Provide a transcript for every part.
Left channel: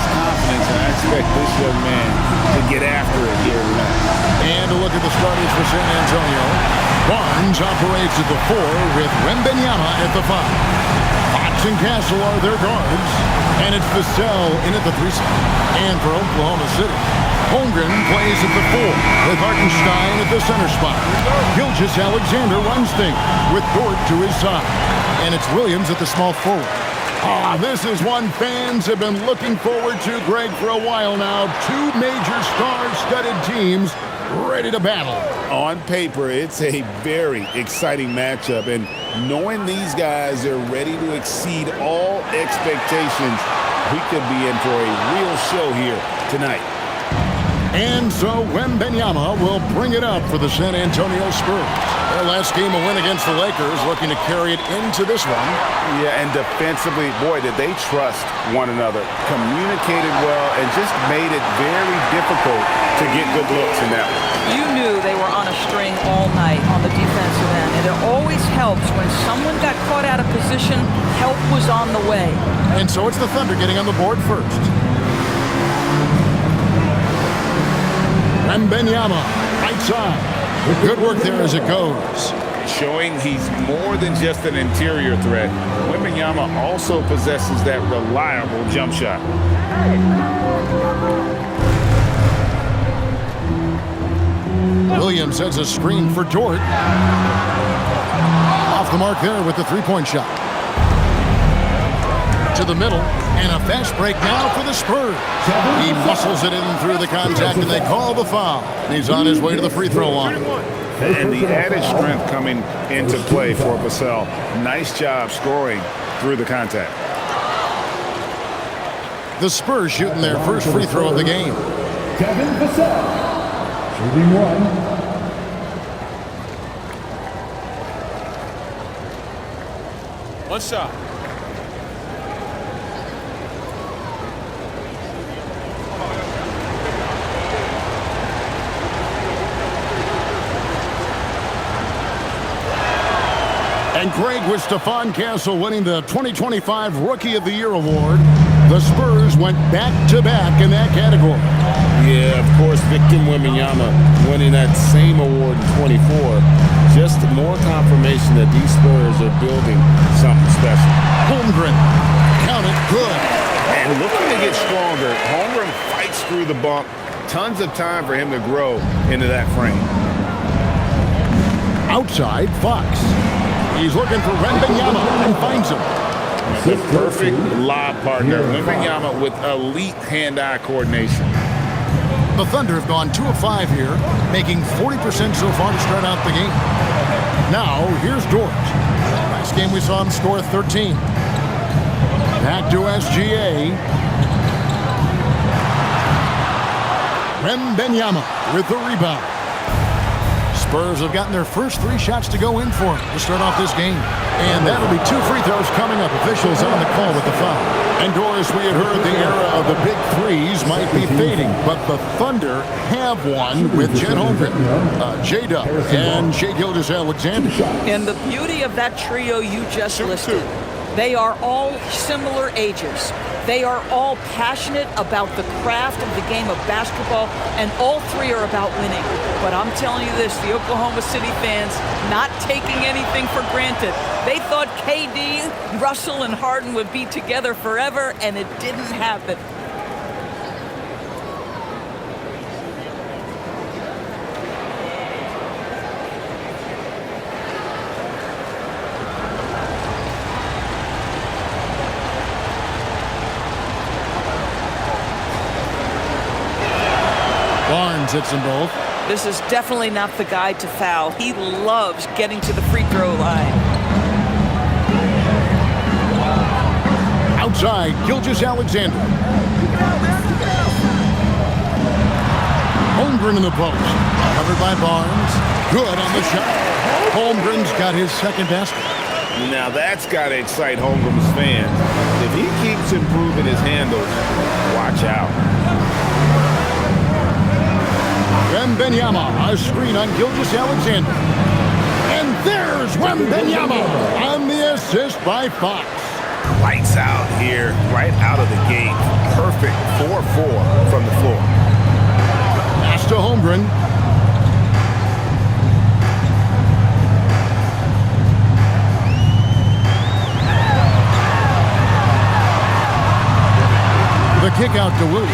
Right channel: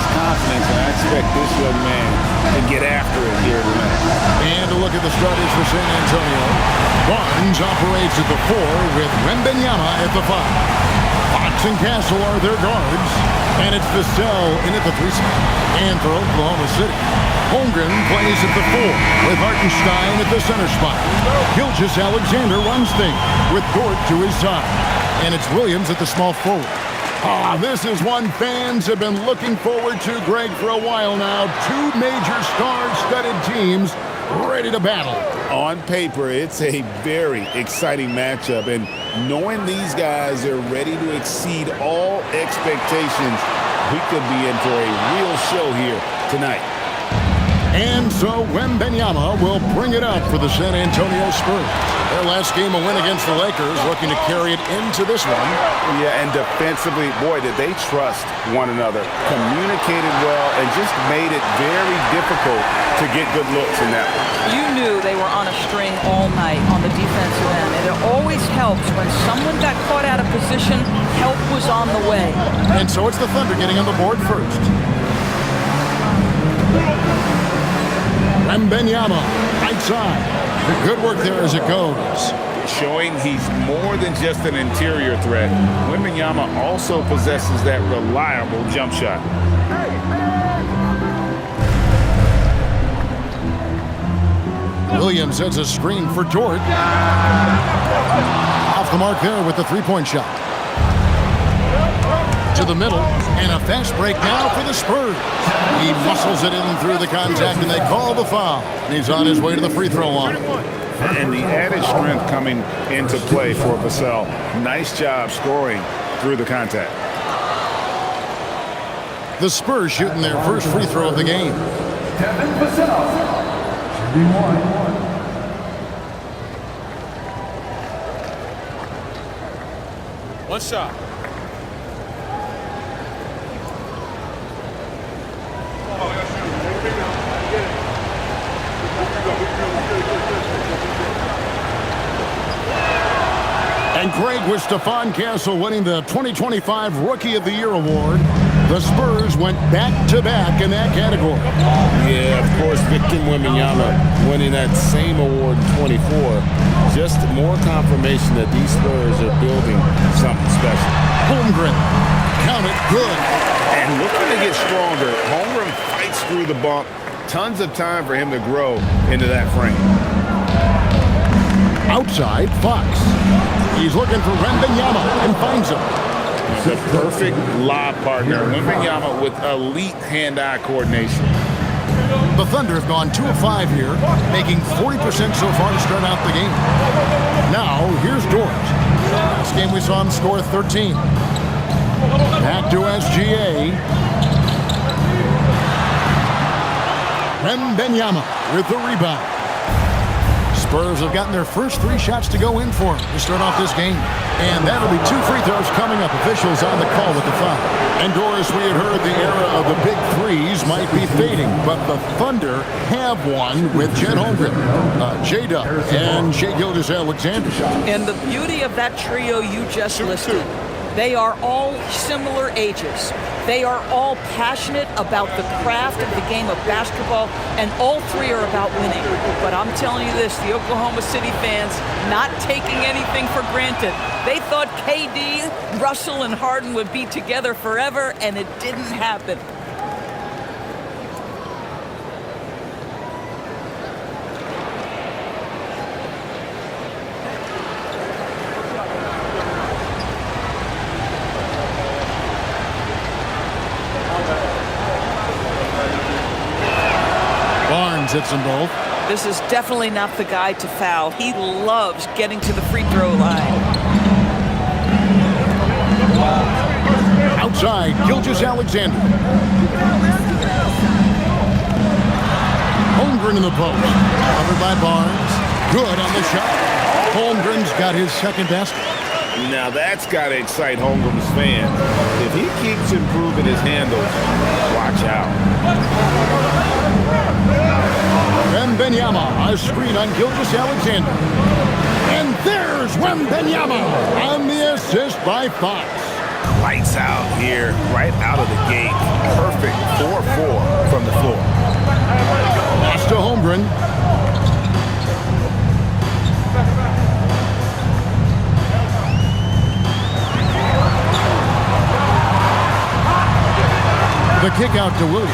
his confidence, and I expect this young man to get after it here tonight. And to look at the starters for San Antonio. Barnes operates at the 4 with Wembanyama at the 5. Fox and Castle are their guards. And it's Vassell in at the 3 spot. And for Oklahoma City, Holmgren plays at the 4 with Hartenstein at the center spot. Gilgeous-Alexander runs things with Dort to his side. And it's Williams at the small forward. This is one fans have been looking forward to, Greg, for a while now. Two major star-studded teams ready to battle. On paper, it's a very exciting matchup, and knowing these guys are ready to exceed all expectations, we could be in for a real show here tonight. And so Wembanyama will bring it up for the San Antonio Spurs. Their last game, a win against the Lakers, looking to carry it into this one. Yeah, and defensively, boy, did they trust one another, communicated well, and just made it very difficult to get good looks in that one. You knew they were on a string all night on the defensive end, and it always helps when someone got caught out of position, help was on the way. And so it's the Thunder getting on the board first. Wembanyama, right side. Good work there as it goes. Showing he's more than just an interior threat. Wembanyama also possesses that reliable jump shot. Williams sets a screen for Dort. Off the mark there with the three-point shot. To the middle, and a fast break now for the Spurs. He muscles it in through the contact, and they call the foul. And he's on his way to the free throw line. And the added strength coming into play for Vassell. Nice job scoring through the contact. The Spurs shooting their first free throw of the game. Devin Vassell, shooting 1. One shot. And Greg, with Stephon Castle winning the 2025 Rookie of the Year award, the Spurs went back-to-back in that category. Yeah, of course, Victor Wembanyama winning that same award in 24. Just more confirmation that these Spurs are building something special. Holmgren, count it, good. And looking to get stronger, Holmgren fights through the bump. Tons of time for him to grow into that frame. Outside, Fox. He's looking for Wembanyama and finds him. The perfect lob partner. Wembanyama with elite hand-eye coordination. The Thunder have gone 2 of 5 here, making 40% so far to start out the game. Now, here's Dort. Last game we saw him score 13. Back to SGA. Wembanyama with the rebound. Spurs have gotten their first 3 shots to go in for him to start off this game. And that'll be 2 free throws coming up. Officials on the call with the foul. And Doris, we had heard the era of the big threes might be fading, but the Thunder have one with Chet Holmgren, J-Dub, and Shai Gilgeous-Alexander. And the beauty of that trio you just listed, they are all similar ages. They are all passionate about the craft of the game of basketball, and all 3 are about winning. But I'm telling you this, the Oklahoma City fans not taking anything for granted. They thought KD, Russell, and Harden would be together forever, and it didn't happen. Barnes hits them both. This is definitely not the guy to foul. He loves getting to the free throw line. Outside, Gilgeous-Alexander. Holmgren in the post. Covered by Barnes. Good on the shot. Holmgren's got his second basket. Now that's got to excite Holmgren's fans. If he keeps improving his handles, watch out. Wembanyama, a screen on Gilgeous-Alexander. And there's Wembanyama on the assist by Fox. Lights out here, right out of the gate. Perfect perfect 4-4 from the floor. Pass to Holmgren. The kick out to Williams.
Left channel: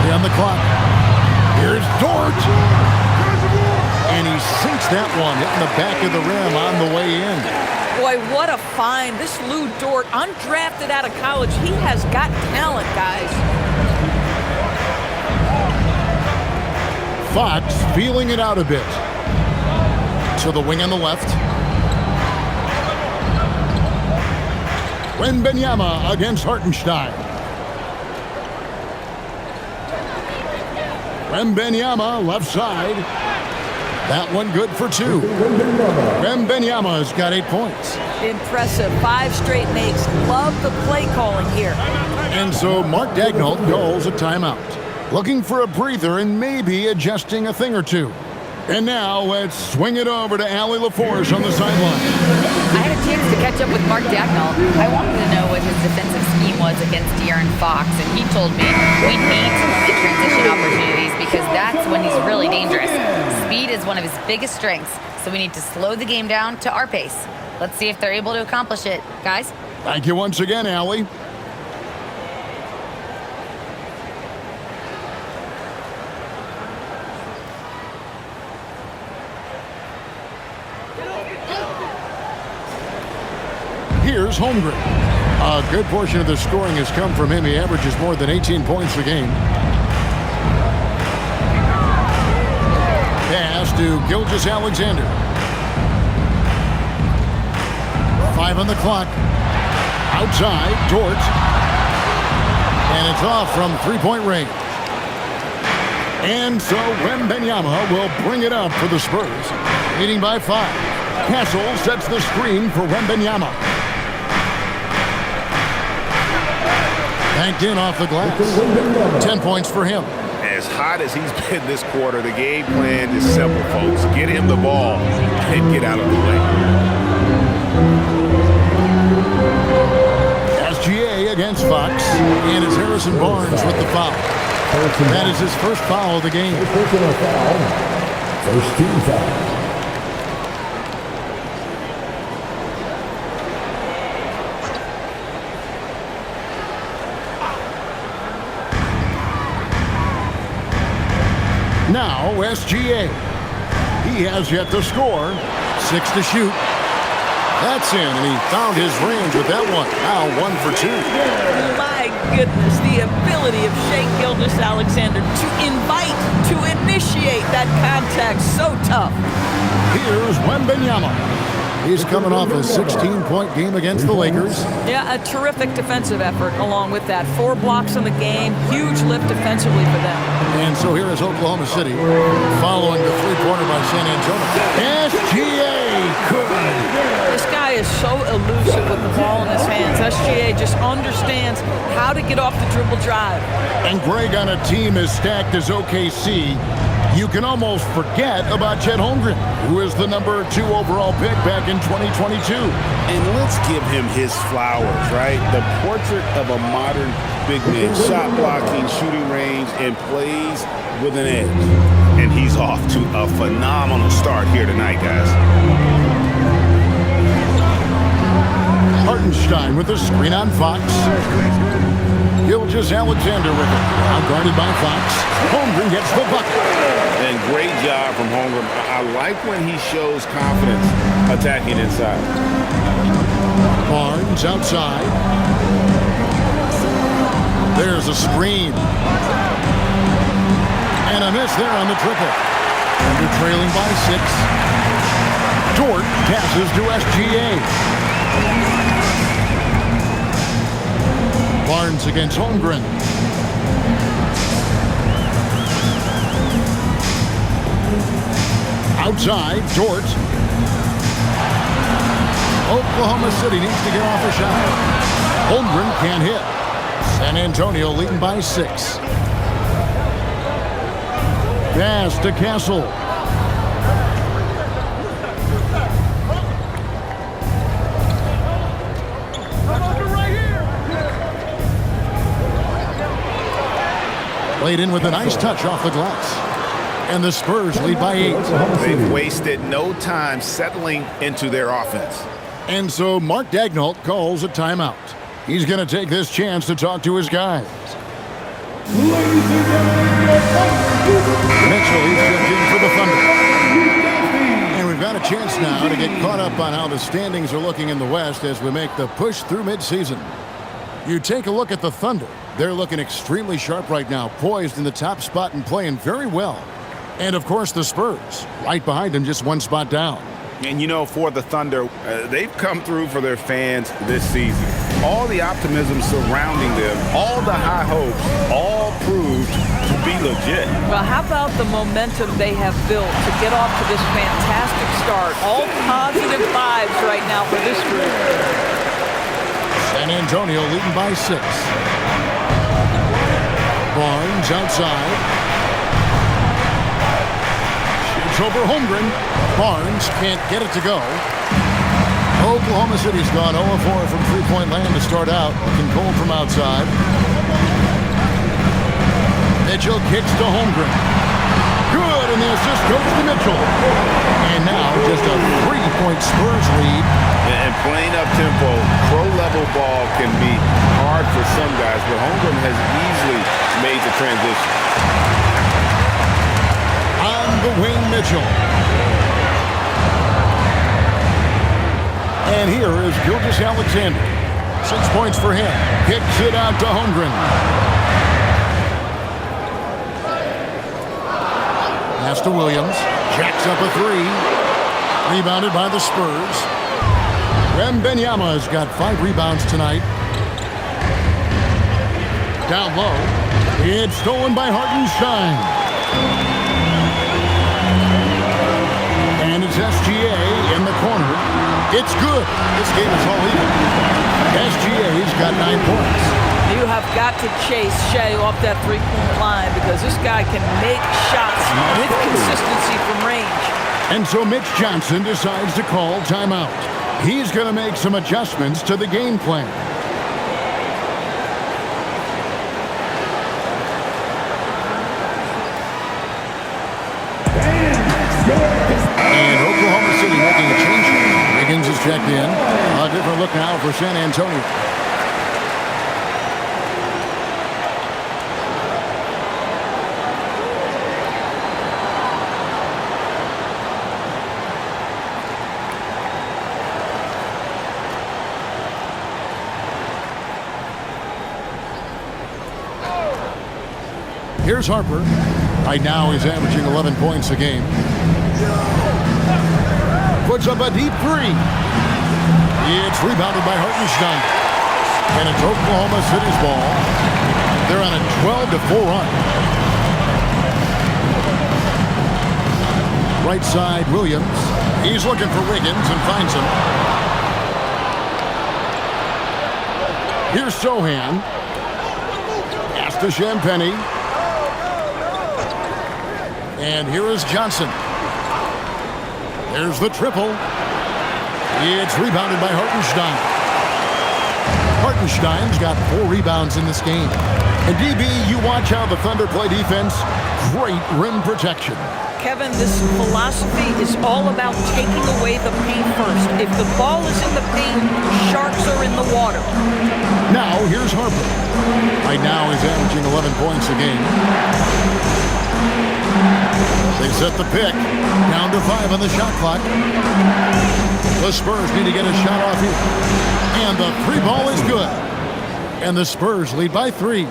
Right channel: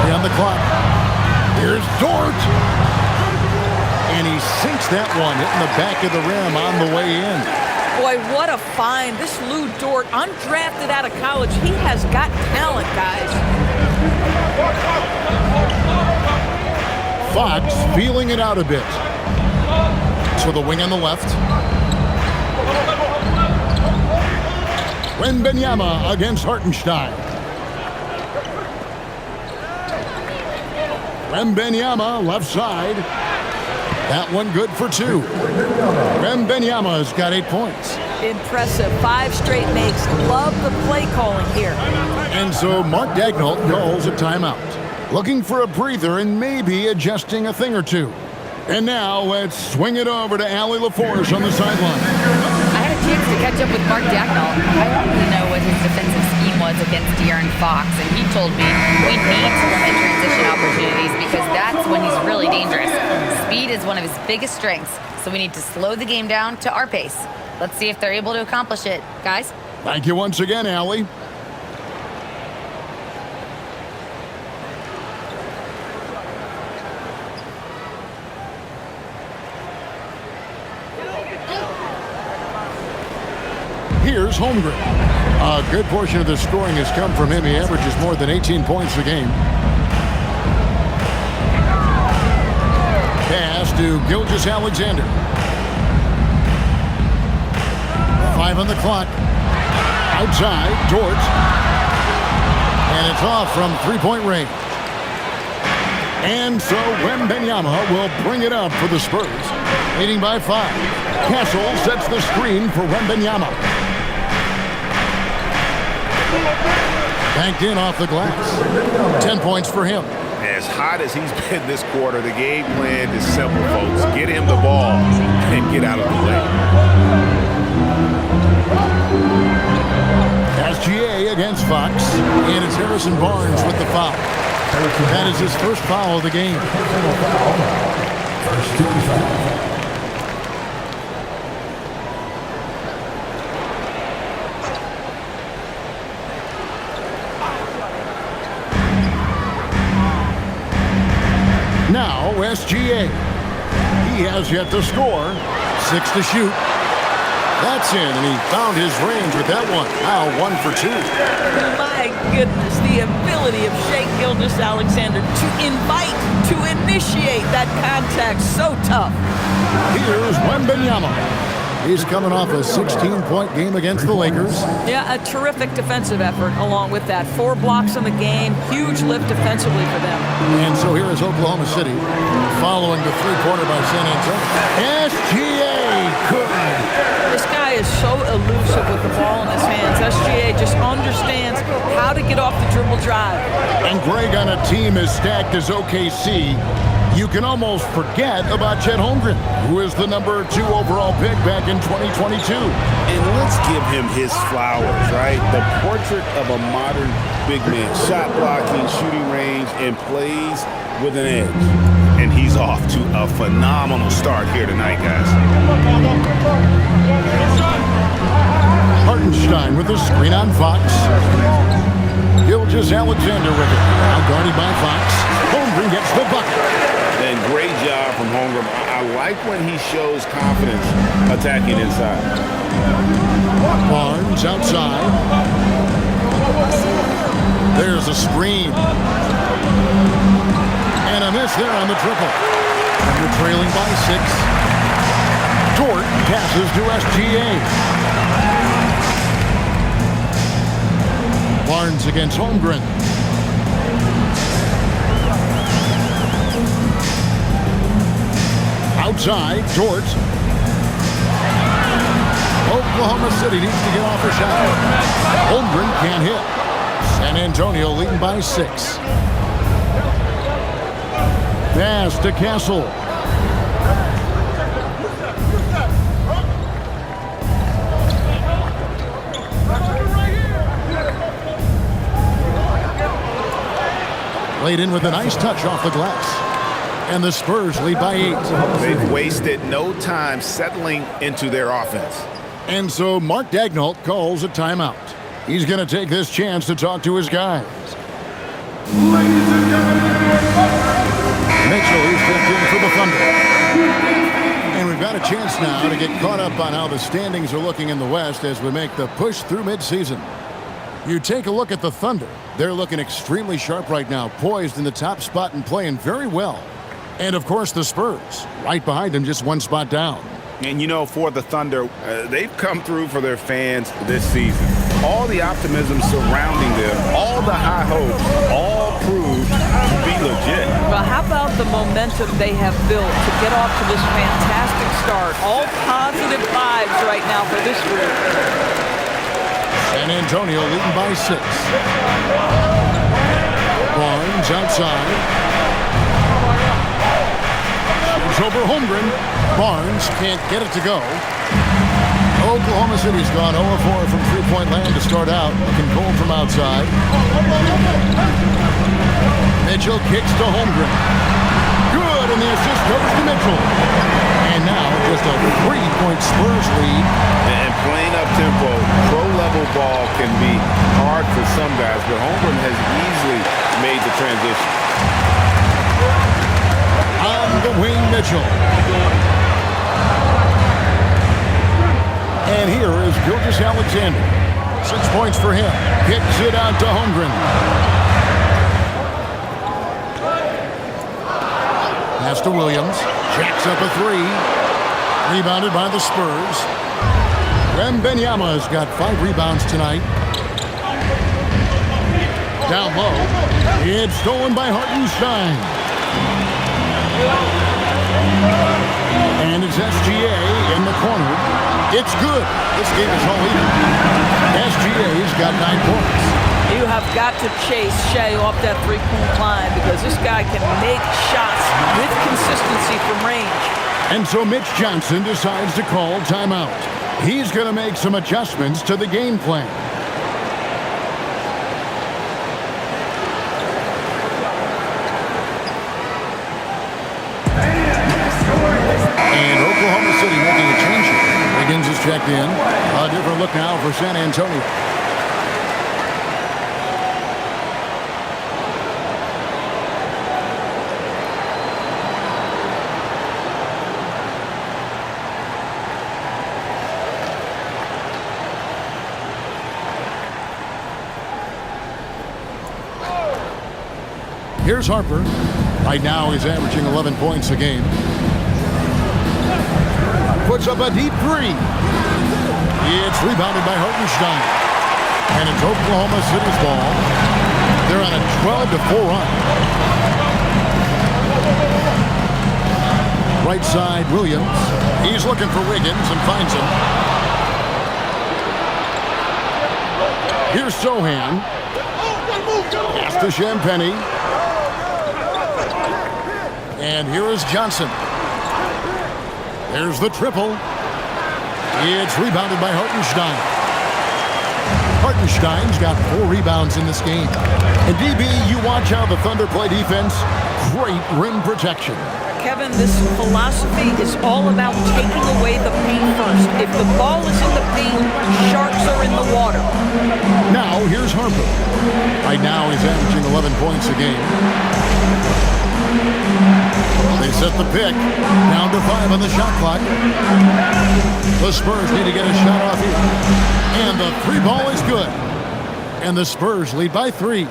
Play on the clock. Here's Dort. And he sinks that one, hitting the back of the rim on the way in. Boy, what a find. This Lou Dort, undrafted out of college. He has got talent, guys. Fox feeling it out a bit. To the wing on the left. Wembanyama against Hartenstein. Wembanyama left side. That one good for 2. Wembanyama's got 8 points. Impressive. 5 straight makes. Love the play calling here. And so Mark Daigneault calls a timeout. Looking for a breather and maybe adjusting a thing or two. And now let's swing it over to Allie LaForce on the sideline. I had a chance to catch up with Mark Daigneault. I wanted to know what his defensive scheme was against De'Aaron Fox, and he told me we need to limit transition opportunities because that's when he's really dangerous. Speed is one of his biggest strengths, so we need to slow the game down to our pace. Let's see if they're able to accomplish it. Guys? Thank you once again, Allie. Here's Holmgren. A good portion of the scoring has come from him. He averages more than 18 points a game. Pass to Gilgeous-Alexander. 5 on the clock. Outside, Dort. And it's off from three-point range. And so Wembanyama will bring it up for the Spurs, leading by 5. Castle sets the screen for Wembanyama. Banked in off the glass. 10 points for him. As hot as he's been this quarter, the game plan is simple, folks. Get him the ball and get out of the way. SGA against Fox. And it's Harrison Barnes with the foul. That is his first foul of the game. Personal foul. First team foul. Now SGA. He has yet to score. 6 to shoot. That's in, and he found his range with that one. Now 1 for 2. My goodness, the ability of Shai Gilgeous-Alexander to invite, to initiate that contact, so tough. Here's Wembanyama. He's coming off a 16-point game against the Lakers. Yeah, a terrific defensive effort along with that. 4 blocks in the game, huge lift defensively for them. And so here is Oklahoma City following the three-pointer by San Antonio. SGA good. This guy is so elusive with the ball in his hands. SGA just understands how to get off the dribble drive. And Greg, on a team as stacked as OKC, you can almost forget about Chet Holmgren, who is the number 2 overall pick back in 2022. And let's give him his flowers, right? The portrait of a modern big man. Shot blocking, shooting range, and plays with an edge. And he's off to a phenomenal start here tonight, guys. Hartenstein with a screen on Fox. Gilgeous-Alexander with it. Now guarded by Fox. Holmgren gets the bucket. And great job from Holmgren. I like when he shows confidence attacking inside. Barnes outside. There's a screen. And a miss there on the triple. And they're trailing by 6. Dort passes to SGA. Barnes against Holmgren. Outside, Dort. Oklahoma City needs to get off a shot. Holmgren can't hit. San Antonio leading by 6. Pass to Castle. Laid in with a nice touch off the glass. And the Spurs lead by 8. They've wasted no time settling into their offense. And so Mark Daigneault calls a timeout. He's going to take this chance to talk to his guys. Ladies and gentlemen, Mitchell, he's checked in for the Thunder. And we've got a chance now to get caught up on how the standings are looking in the West as we make the push through midseason. You take a look at the Thunder. They're looking extremely sharp right now, poised in the top spot and playing very well. And, of course, the Spurs, right behind them, just one spot down. And, you know, for the Thunder, they've come through for their fans this season. All the optimism surrounding them, all the high hopes, all proved to be legit. Well, how about the momentum they have built to get off to this fantastic start? All positive vibes right now for this group. San Antonio leading by 6. Barnes outside. Shoots over Holmgren. Barnes can't get it to go. Oklahoma City's gone 0-4 from three-point land to start out. Looking cold from outside. Mitchell kicks to Holmgren. Good, and the assist goes to Mitchell. And now just a 3-point Spurs lead. And playing up-tempo, pro-level ball can be hard for some guys, but Holmgren has easily made the transition. On the wing, Mitchell. And here is Gilgeous-Alexander. 6 points for him. Kicks it out to Holmgren. Pass to Williams. Jacks up a 3. Rebounded by the Spurs. Wembanyama's got 5 rebounds tonight. Down low. It's stolen by Hartenstein. And it's SGA in the corner. It's good. This game is all even. SGA's got 9 points. You have got to chase Shea off that three-point line because this guy can make shots with consistency from range. And so Mitch Johnson decides to call timeout. He's going to make some adjustments to the game plan. And Oklahoma City making a change here. Wiggins is checked in. A different look now for San Antonio. Here's Harper. Right now he's averaging 11 points a game. Puts up a deep 3. It's rebounded by Hartenstein. And it's Oklahoma City's ball. They're on a 12-4 run. Right side, Williams. He's looking for Wiggins and finds him. Here's Sohan. Pass to Champagny. And here is Johnson. There's the triple. It's rebounded by Hartenstein. Hartenstein's got 4 rebounds in this game. And DB, you watch how the Thunder play defense. Great rim protection. Kevin, this philosophy is all about taking away the paint first. If the ball is in the paint, sharks are in the water. Now, here's Harper. Right now, he's averaging 11 points a game. They set the pick. Down to 5 on the shot clock. The Spurs need to get a shot off here. And the 3 ball is good. And the Spurs lead by 3.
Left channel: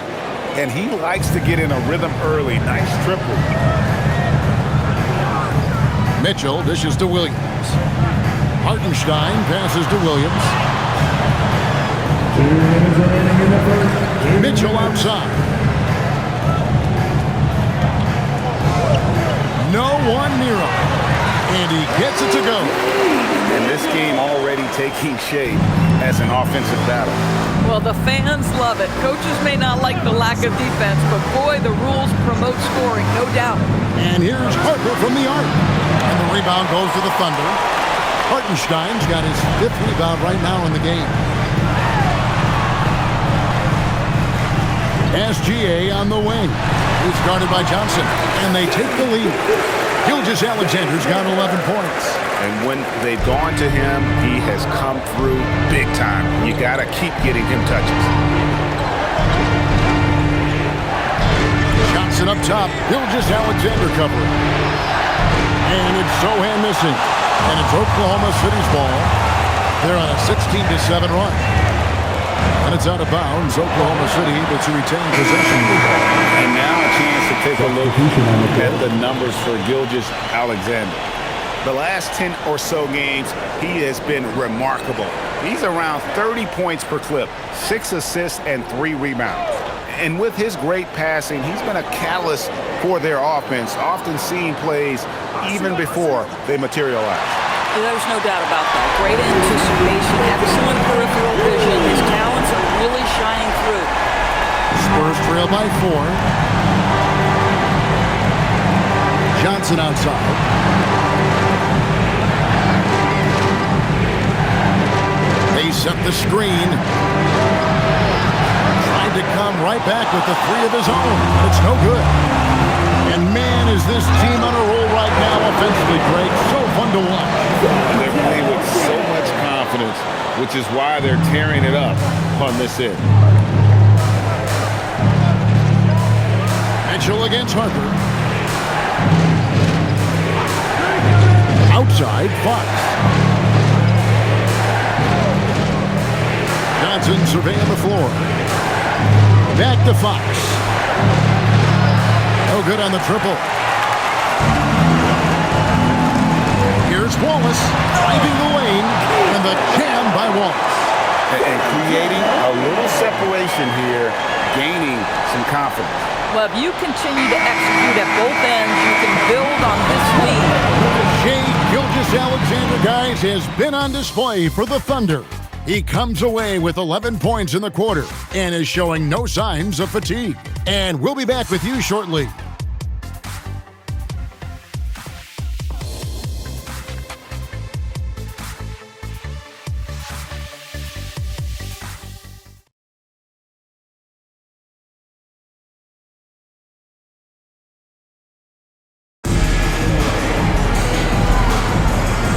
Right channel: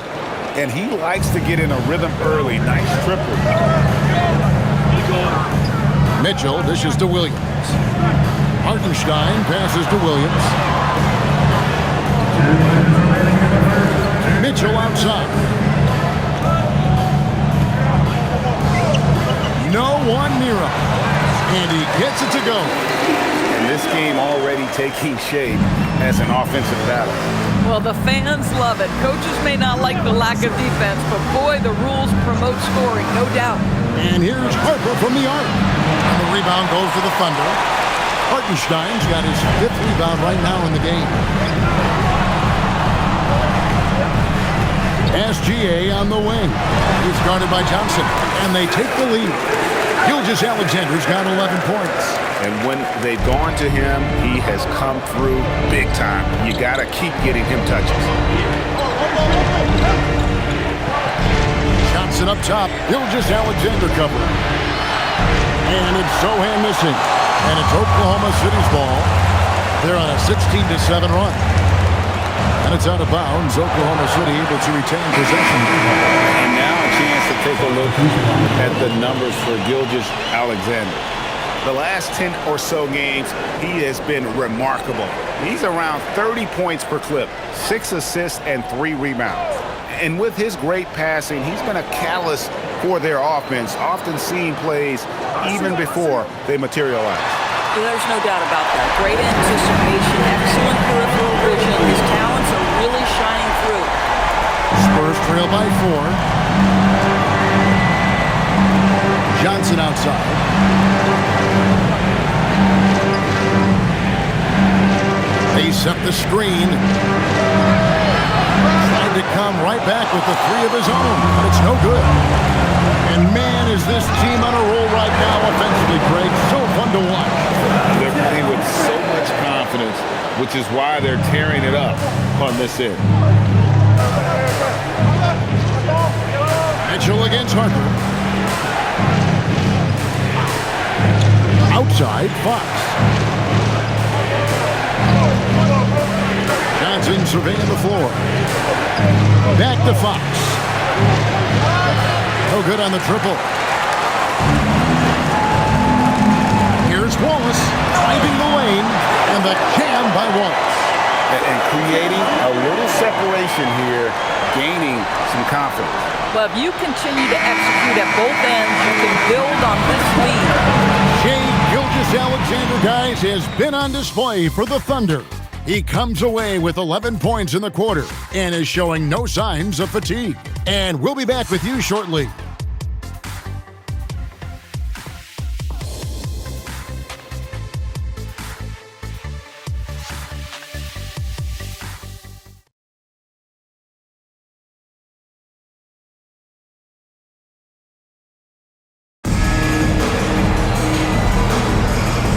And he likes to get in a rhythm early. Nice triple. Mitchell dishes to Williams. Hartenstein passes to Williams. Mitchell outside. No one near him. And he gets it to go. And this game already taking shape as an offensive battle. Well, the fans love it. Coaches may not like the lack of defense, but boy, the rules promote scoring, no doubt. And here's Harper from the arc. And the rebound goes to the Thunder. Hartenstein's got his 5th rebound right now in the game. Pass GA on the wing. He's guarded by Johnson, and they take the lead. Gilgeous-Alexander's got 11 points. And when they've gone to him, he has come through big time. You got to keep getting him touches. Johnson up top. Gilgeous-Alexander covering. And it's Sohan missing. And it's Oklahoma City's ball. They're on a 16-7 run. And it's out of bounds. Oklahoma City able to retain possession. And now a chance to take a look at the numbers for Gilgeous-Alexander. The last 10 or so games, he has been remarkable. He's around 30 points per clip, 6 assists, and 3 rebounds. And with his great passing, he's been a catalyst for their offense, often seeing plays even before they materialize. There's no doubt about that. Great anticipation, excellent peripheral vision. His talents are really shining through. Spurs trail by 4. Johnson outside. They set the screen. Tried to come right back with the 3 of his own, but it's no good. And man, is this team on a roll right now offensively, Greg. So fun to watch. They're playing with so much confidence, which is why they're tearing it up on this end. Mitchell against Harper. Outside, Fox. Johnson surveying the floor. Back to Fox. No good on the triple. Here's Wallace driving the lane, and the jam by Wallace. And creating a little separation here, gaining some confidence. Well, if you continue to execute at both ends, you can build on this lead. Shai Gilgeous-Alexander, guys, has been on display for the Thunder. He comes away with 11 points in the quarter and is showing no signs of fatigue. And we'll be back with you shortly.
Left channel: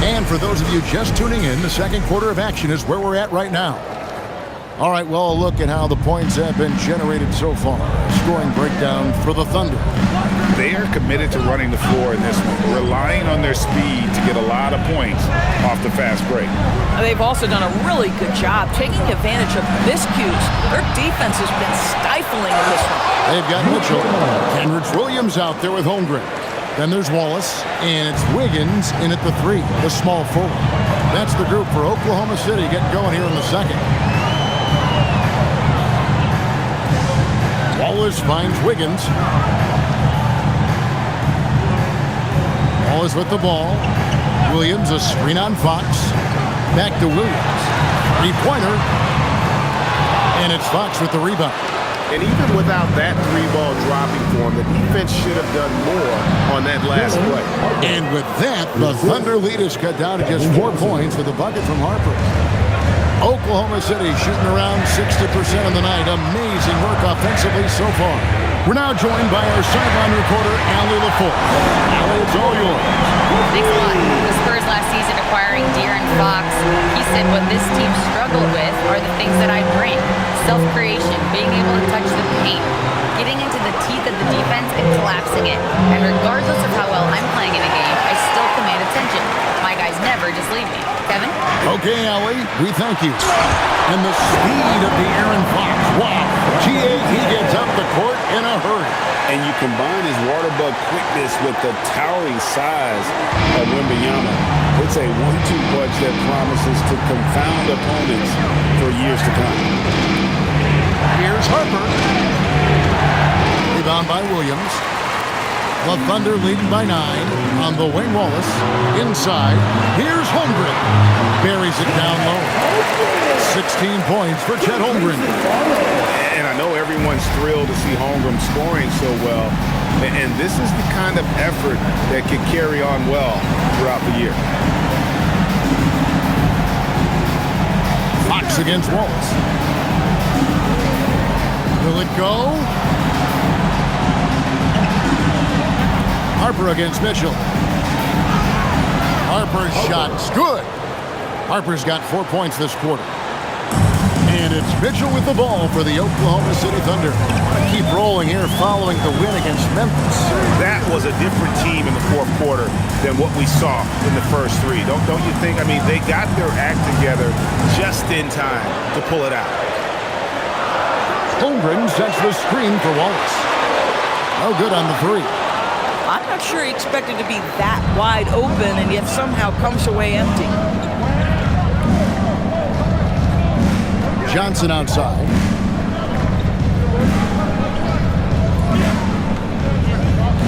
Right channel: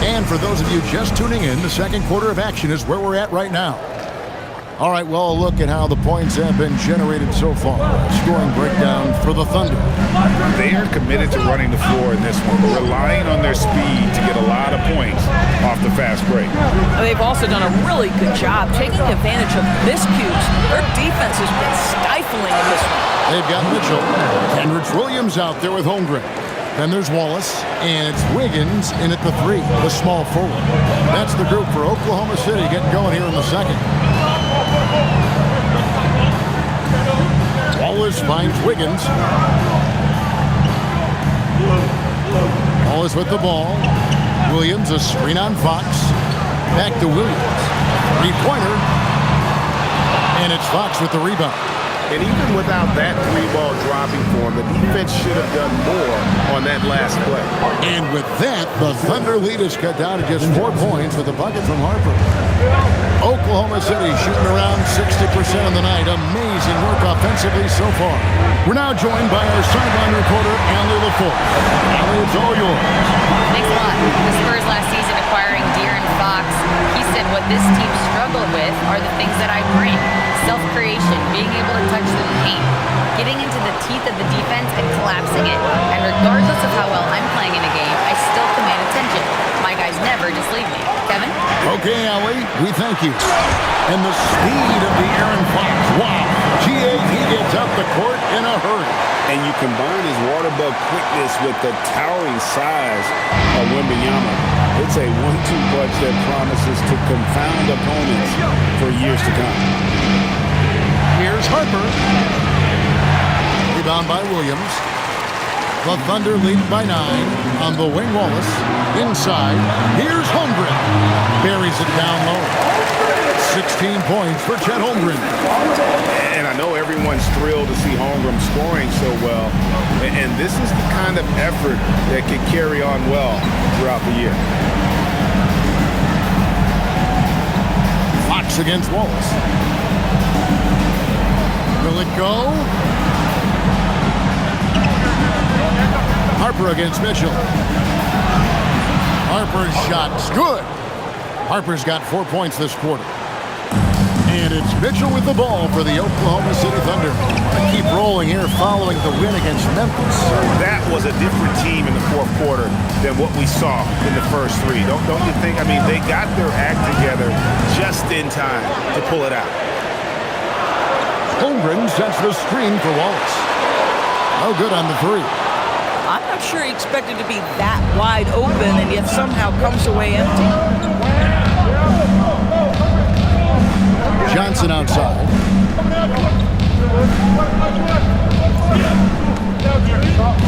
And for those of you just tuning in, the second quarter of action is where we're at right now. All right, well, a look at how the points have been generated so far. Scoring breakdown for the Thunder. They are committed to running the floor in this one, relying on their speed to get a lot of points off the fast break. They've also done a really good job taking advantage of miscues. Their defense has been stifling in this one. They've got Mitchell. Kenrich Williams out there with Holmgren. Then there's Wallace, and it's Wiggins in at the 3, the small forward. That's the group for Oklahoma City getting going here in the second. Wallace finds Wiggins. Wallace with the ball. Williams, a screen on Fox. Back to Williams. 3-pointer. And it's Fox with the rebound. And even without that 3-ball dropping for him, the defense should have done more on that last play. And with that, the Thunder lead is cut down to just 4 points with a bucket from Harper. Oklahoma City shooting around 60% of the night. Amazing work offensively so far. We're now joined by our sideline reporter, Allie LaForce. Allie, it's all yours. Thanks a lot. The Spurs last season acquiring De'Aaron Fox, he said what this team struggled with are the things that I bring. Self-creation, being able to touch the paint, getting into the teeth of the defense and collapsing it. And regardless of how well I'm playing in a game, I still command attention. My guys never just leave me. Kevin? Okay, Allie, we thank you. And the speed of De'Aaron Fox. Wow. GA, he gets up the court in a hurry. And you combine his water bug quickness with the towering size of Wembanyama. It's a 1-2 punch that promises to confound opponents for years to come. Here's Harper. Rebound by Williams. The Thunder leading by 9 on the wing. Wallace inside. Here's Holmgren. Buries it down low. 16 points for Chet Holmgren. And I know everyone's thrilled to see Holmgren scoring so well. And this is the kind of effort that could carry on well throughout the year. Fox against Wallace. Will it go? Harper against Mitchell. Harper's shot's good. Harper's got 4 points this quarter. And it's Mitchell with the ball for the Oklahoma City Thunder. Keep rolling here following the win against Memphis. That was a different team in the fourth quarter than what we saw in the first three. Don't you think? I mean, they got their act together just in time to pull it out. Holmgren sets the screen for Wallace. No good on the three. I'm not sure he expected to be that wide open and yet somehow comes away empty. Johnson outside.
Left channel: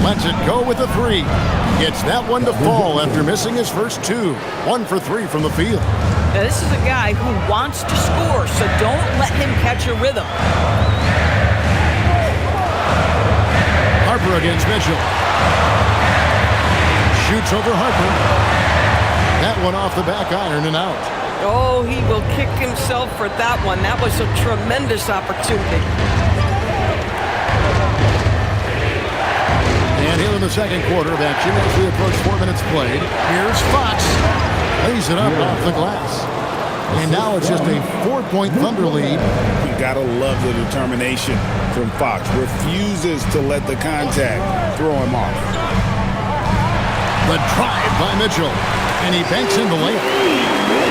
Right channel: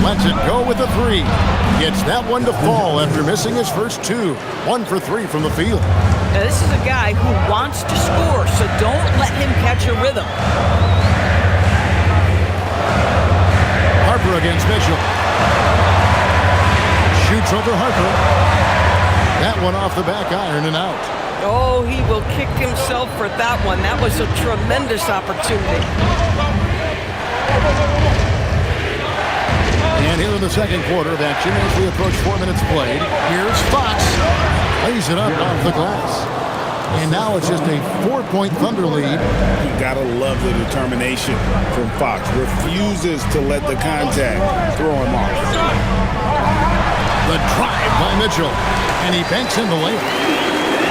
Lets it go with the three. Gets that one to fall after missing his first two. 1 for 3 from the field. Now, this is a guy who wants to score, so don't let him catch a rhythm. Harper against Mitchell. Shoots over Harper. That one off the back iron and out. Oh, he will kick himself for that one. That was a tremendous opportunity. And here in the second quarter of action, as we approach 4 minutes played, here's Fox. Lays it up off the glass. And now it's just a 4-point Thunder lead. You gotta love the determination from Fox. Refuses to let the contact throw him off. The drive by Mitchell. And he banks in the layup.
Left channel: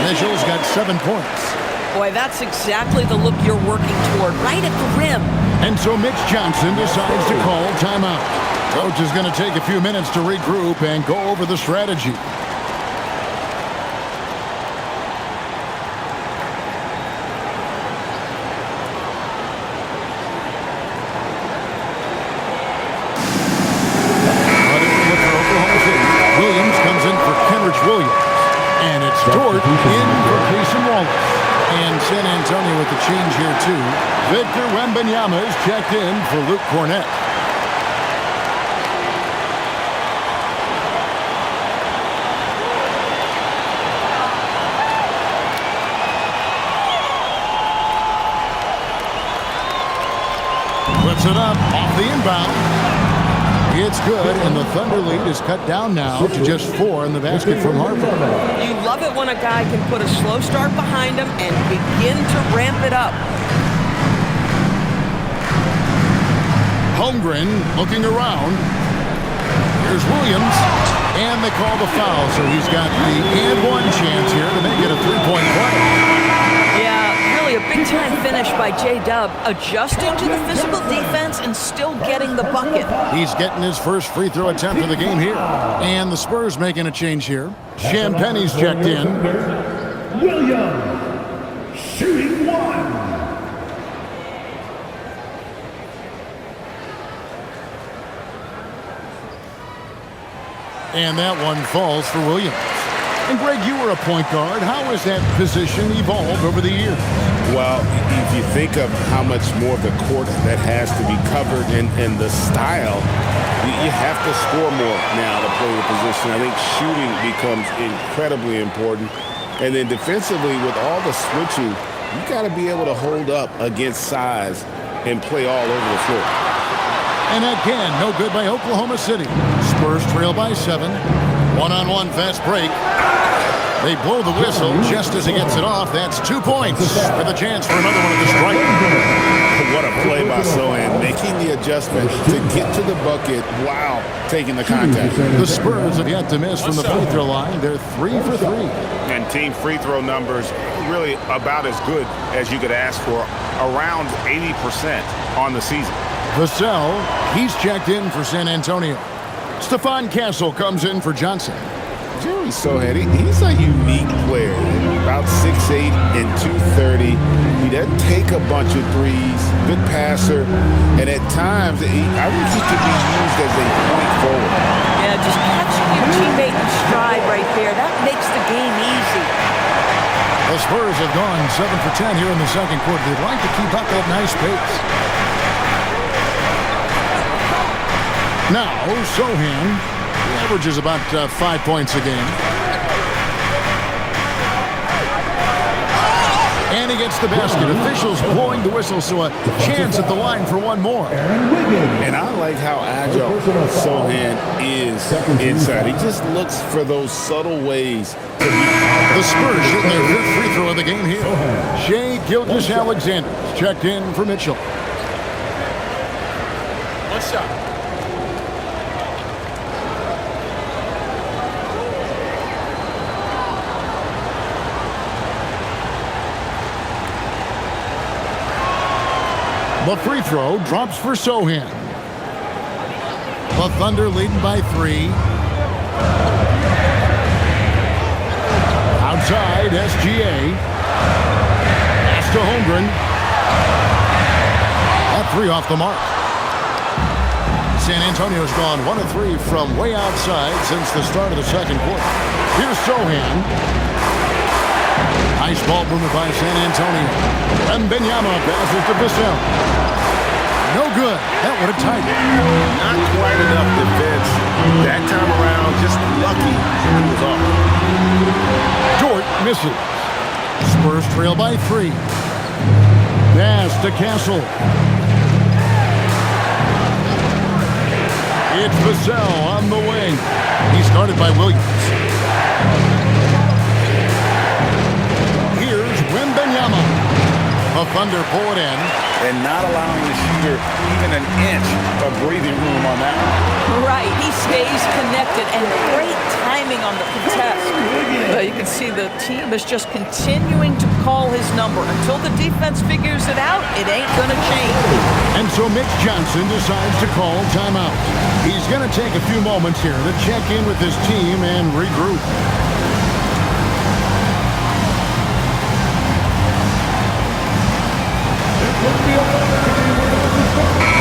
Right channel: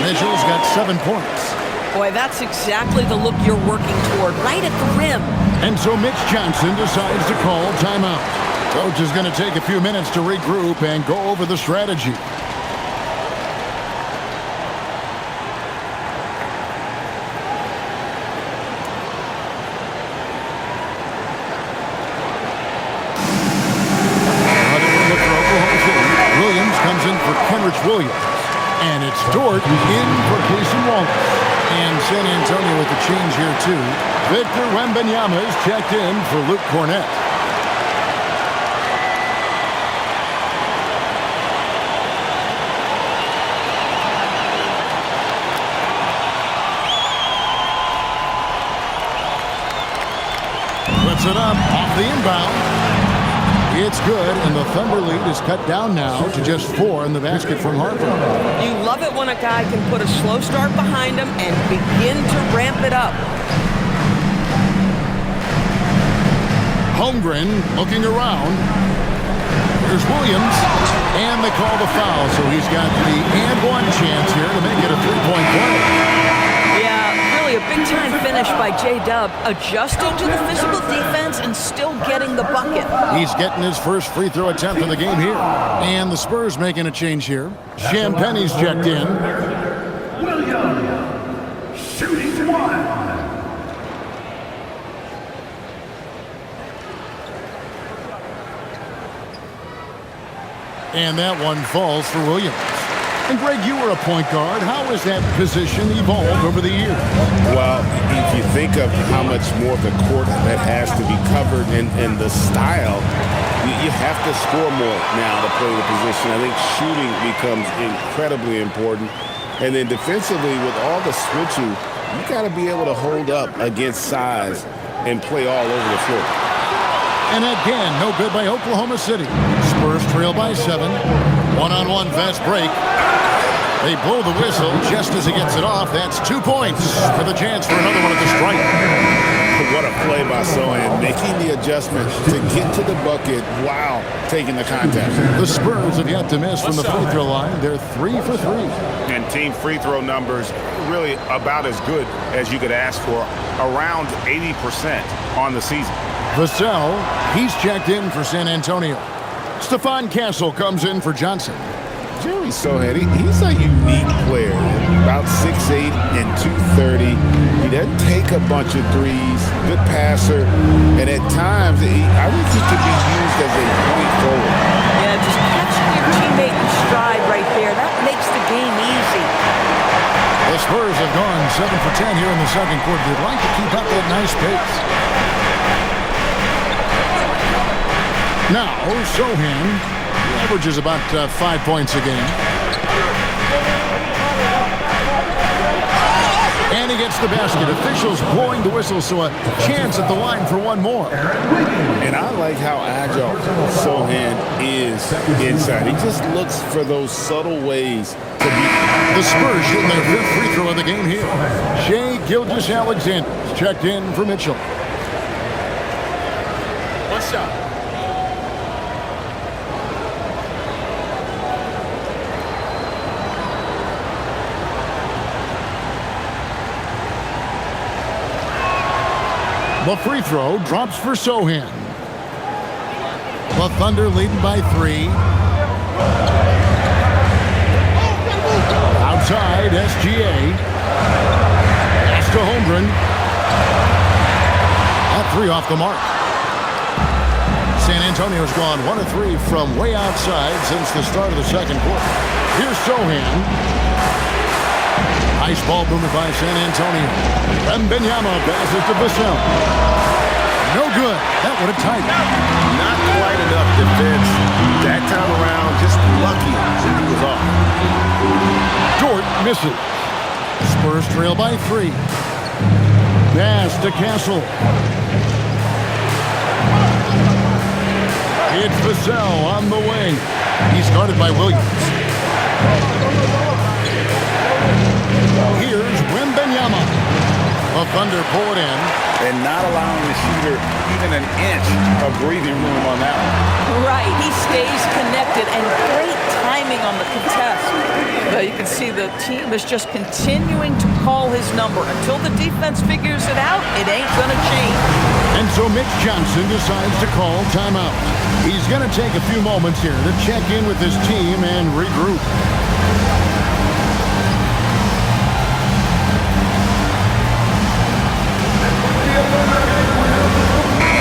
Mitchell's got 7 points. Boy, that's exactly the look you're working toward, right at the rim. And so Mitch Johnson decides to call timeout. Coach is going to take a few minutes to regroup and go over the strategy. Williams comes in for Kenrich Williams. And it's Dort in for Cason Wallace. And San Antonio with the change here, too. Victor Wembanyama is checked in for Luke Cornett. Puts it up off the inbound. It's good, and the Thunder lead is cut down now to just 4 in the basket from Harper. You love it when a guy can put a slow start behind him and begin to ramp it up. Holmgren looking around. Here's Williams, and they call the foul, so he's got the and one chance here to make it a 3-point play. Yeah, really a big-time finish by J-Dub, adjusting to the physical defense and still getting the bucket. He's getting his first free throw attempt of the game here. And the Spurs making a change here. Champagne's checked in. Williams, shooting 1. And that one falls for Williams. And Greg, you were a point guard. How has that position evolved over the years? Well, if you think of how much more of the court that has to be covered and the style, you have to score more now to play the position. I think shooting becomes incredibly important. And then defensively, with all the switching, you got to be able to hold up against size and play all over the floor. And again, no good by Oklahoma City. Spurs trail by 7. One-on-one fast break. They blow the whistle just as he gets it off. That's 2 points for the chance for another one at the stripe. What a play by Sohan, making the adjustment to get to the bucket while taking the contact. The Spurs have yet to miss from the free throw line. They're 3 for 3. And team free throw numbers really about as good as you could ask for, around 80% on the season. Vassell, he's checked in for San Antonio. Stephon Castle comes in for Johnson. Jerry Sohan, he's a unique player. About 6'8" and 230. He doesn't take a bunch of threes. Good passer. And at times, I think he could be used as a point forward. Yeah, just catching your teammate in stride right there. That makes the game easy. The Spurs have gone 7 for 10 here in the second quarter. They'd like to keep up that nice pace. Now, Sohan. He averages about 5 points a game. And he gets the basket. Officials blowing the whistle, so a chance at the line for one more. And I like how agile Sohan is inside. He just looks for those subtle ways to beat. The Spurs shooting their 5th free throw of the game here. Shai Gilgeous-Alexander checked in for Mitchell. One shot. The free throw drops for Sohan. The Thunder leading by 3. Outside, SGA. Pass to Holmgren. That 3 off the mark. San Antonio's gone 1 of 3 from way outside since the start of the second quarter. Here's Sohan. Nice ball movement by San Antonio. Wembanyama passes to Vassell. No good. That would have tied it. Not quite enough defense that time around. Just lucky he was off. Dort misses. Spurs trail by 3. Pass to Castle. It's Vassell on the wing. He's guarded by Williams. Here's Wembanyama. The Thunder pull it in. And not allowing the shooter even an inch of breathing room on that one. Right, he stays connected, and great timing on the contest. Well, you can see the team is just continuing to call his number. Until the defense figures it out, it ain't gonna change. And so Mitch Johnson decides to call timeout. He's gonna take a few moments here to check in with his team and regroup.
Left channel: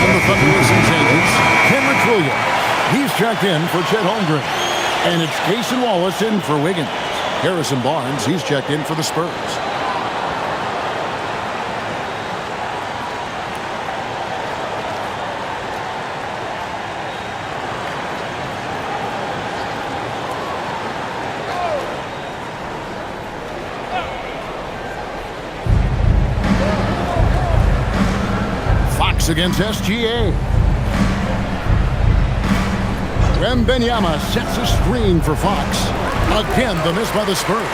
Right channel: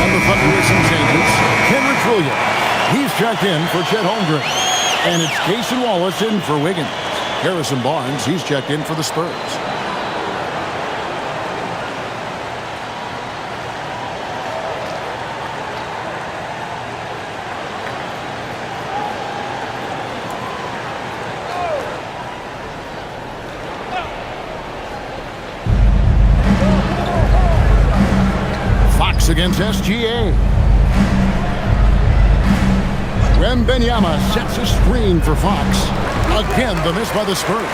And the Thunder with some changes. Kenrich Williams. He's checked in for Chet Holmgren. And it's Cason Wallace in for Wiggins. Harrison Barnes, he's checked in for the Spurs. Fox against SGA. Wembanyama sets a screen for Fox. Again, the miss by the Spurs.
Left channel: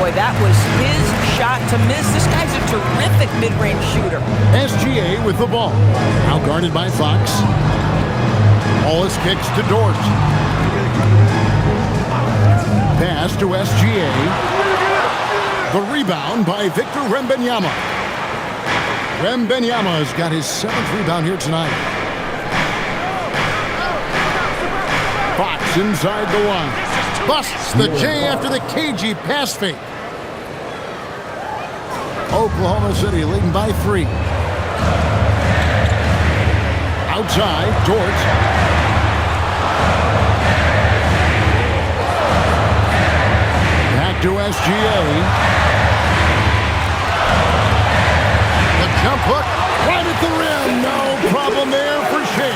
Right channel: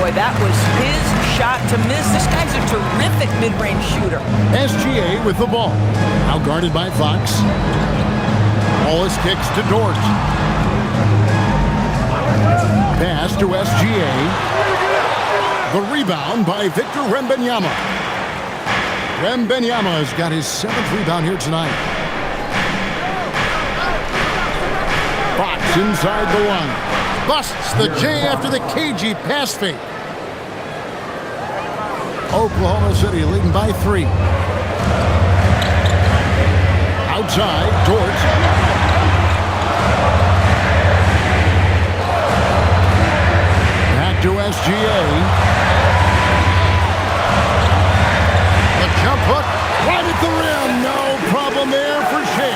Boy, that was his shot to miss. This guy's a terrific mid-range shooter. SGA with the ball. Outguarded by Fox. Wallace kicks to Dort. Pass to SGA. The rebound by Victor Wembanyama. Wembanyama has got his 7th rebound here tonight. Fox inside the line. Busts the J after the cagey pass fake. Oklahoma City leading by 3. Outside, Dort. Back to SGA. The jump hook right at the rim. No problem there for Shai.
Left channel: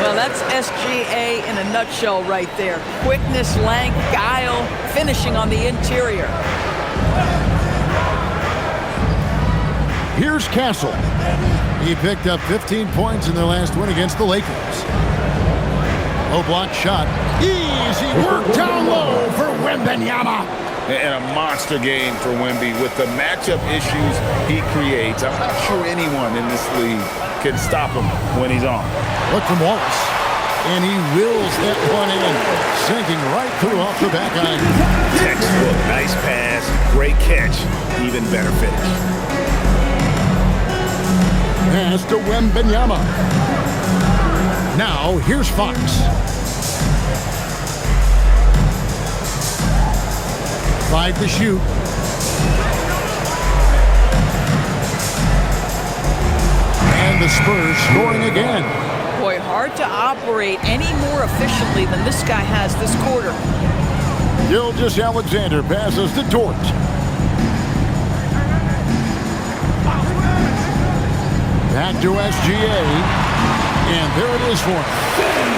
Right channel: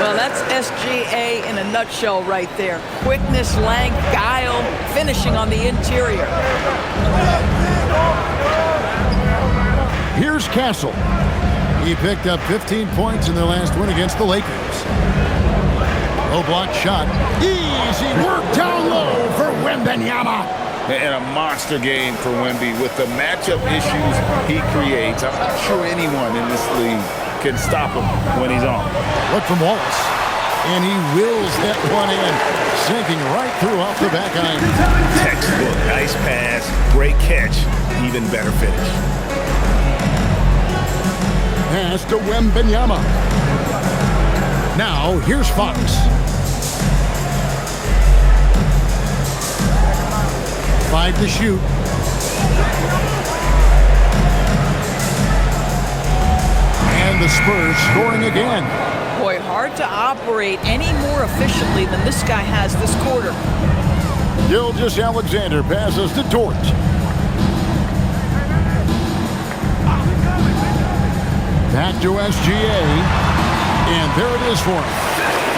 Well, that's SGA in a nutshell right there. Quickness, length, guile, finishing on the interior. Here's Castle. He picked up 15 points in their last win against the Lakers. Low block shot. Easy work down low for Wembanyama. And a monster game for Wemby with the matchup issues he creates. I'm not sure anyone in this league can stop him when he's on. Look from Wallace. And he wills that one in, sinking right through off the back iron. Textbook, nice pass, great catch, even better finish. Pass to Wembanyama. Now, here's Fox. Five to shoot. And the Spurs scoring again. Boy, hard to operate any more efficiently than this guy has this quarter. Gilgeous-Alexander passes to Dort. Back to SGA. And there it is for him.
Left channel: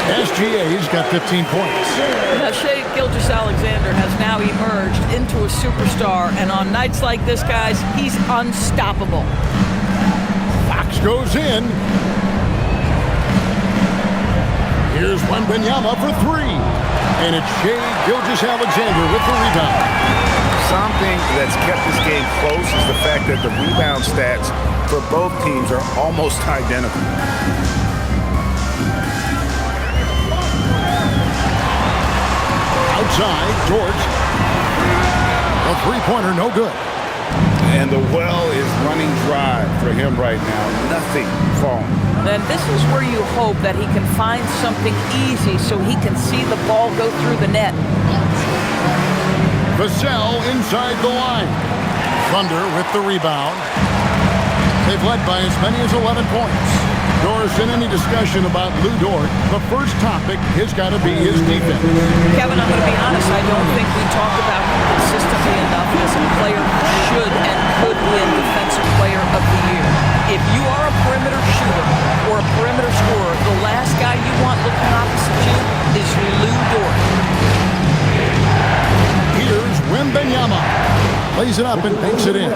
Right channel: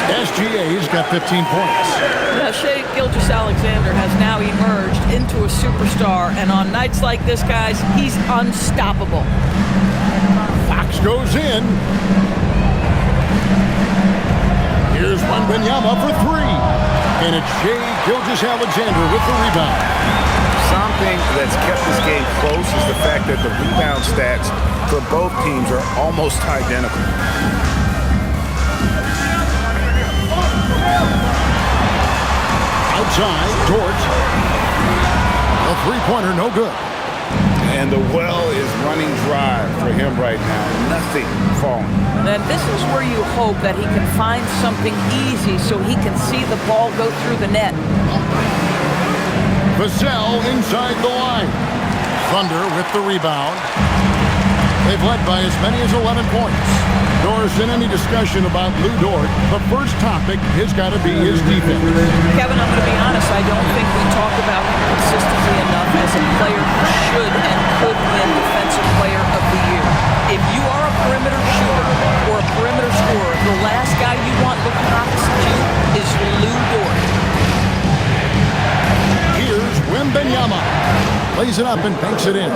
SGA's got 15 points. Now, Shai Gilgeous-Alexander has now emerged into a superstar, and on nights like this, guys, he's unstoppable. Fox goes in. Here's Wembanyama for three. And it's Shai Gilgeous-Alexander with the rebound. Something that's kept this game close is the fact that the rebound stats for both teams are almost identical. Outside, Dort. A three-pointer, no good. And the well is running dry for him right now. Nothing falling. And this is where you hope that he can find something easy so he can see the ball go through the net. Vassell inside the line. Thunder with the rebound. They've led by as many as 11 points. Doris, in any discussion about Lou Dort, the first topic has got to be his defense. Kevin, I'm going to be honest, I don't think we talk about him consistently enough as a player who should and could win Defensive Player of the Year. If you are a perimeter shooter or a perimeter scorer, the last guy you want looking opposite you is Lou Dort. Here's Wembanyama. Lays it up and banks it in.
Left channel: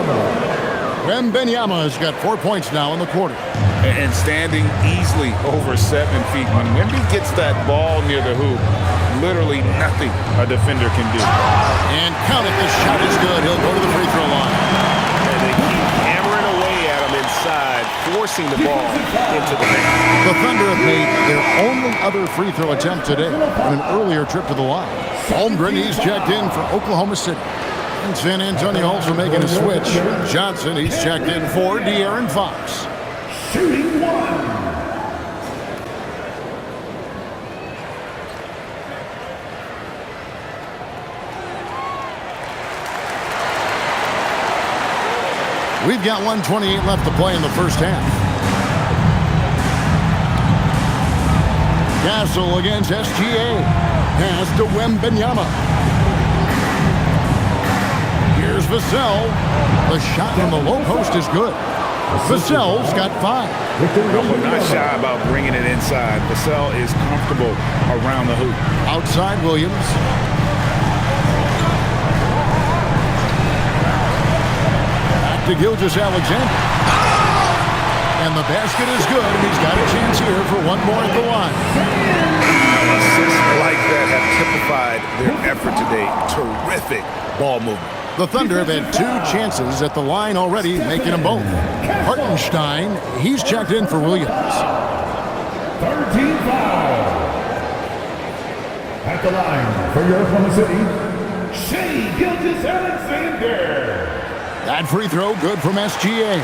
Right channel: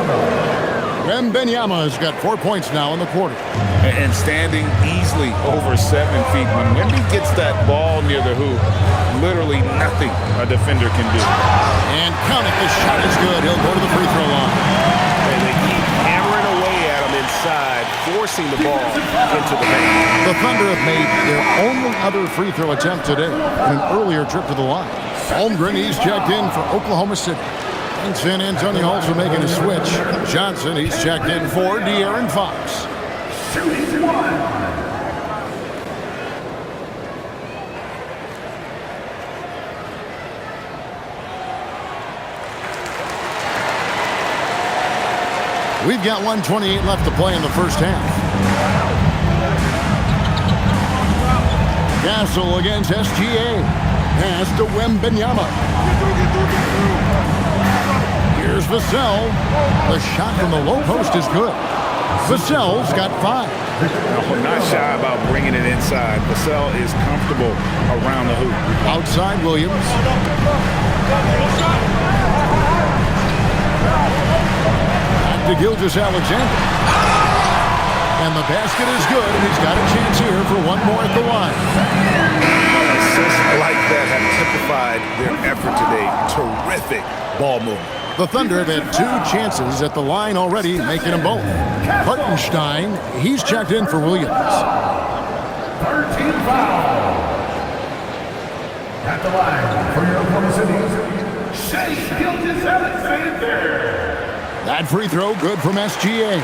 Wembanyama has got 4 points now in the quarter. And standing easily over 7 feet. When Wemby gets that ball near the hoop, literally nothing a defender can do. And count it, the shot is good. He'll go to the free throw line. And they keep hammering away at him inside, forcing the ball into the paint. The Thunder have made their only other free throw attempt today in an earlier trip to the line. Holmgren, he's checked in for Oklahoma City. And San Antonio also making a switch. Johnson, he's checked in for De'Aaron Fox. Shooting one. We've got 1:28 left to play in the first half. Gasol against SGA. Pass to Wembanyama. Here's Vassell. The shot from the low post is good. Vassell's got 5. No, not shy about bringing it inside. Vassell is comfortable around the hoop. Outside, Williams. Back to Gilgeous-Alexander. And the basket is good, and he's got a chance here for one more at the line. Assists like that have typified their effort today. Terrific ball movement. The Thunder have had 2 chances at the line already, making them both. Hartenstein, he's checked in for Williams. 13 foul. At the line for your Oklahoma City, Shai Gilgeous-Alexander. That free throw good from SGA.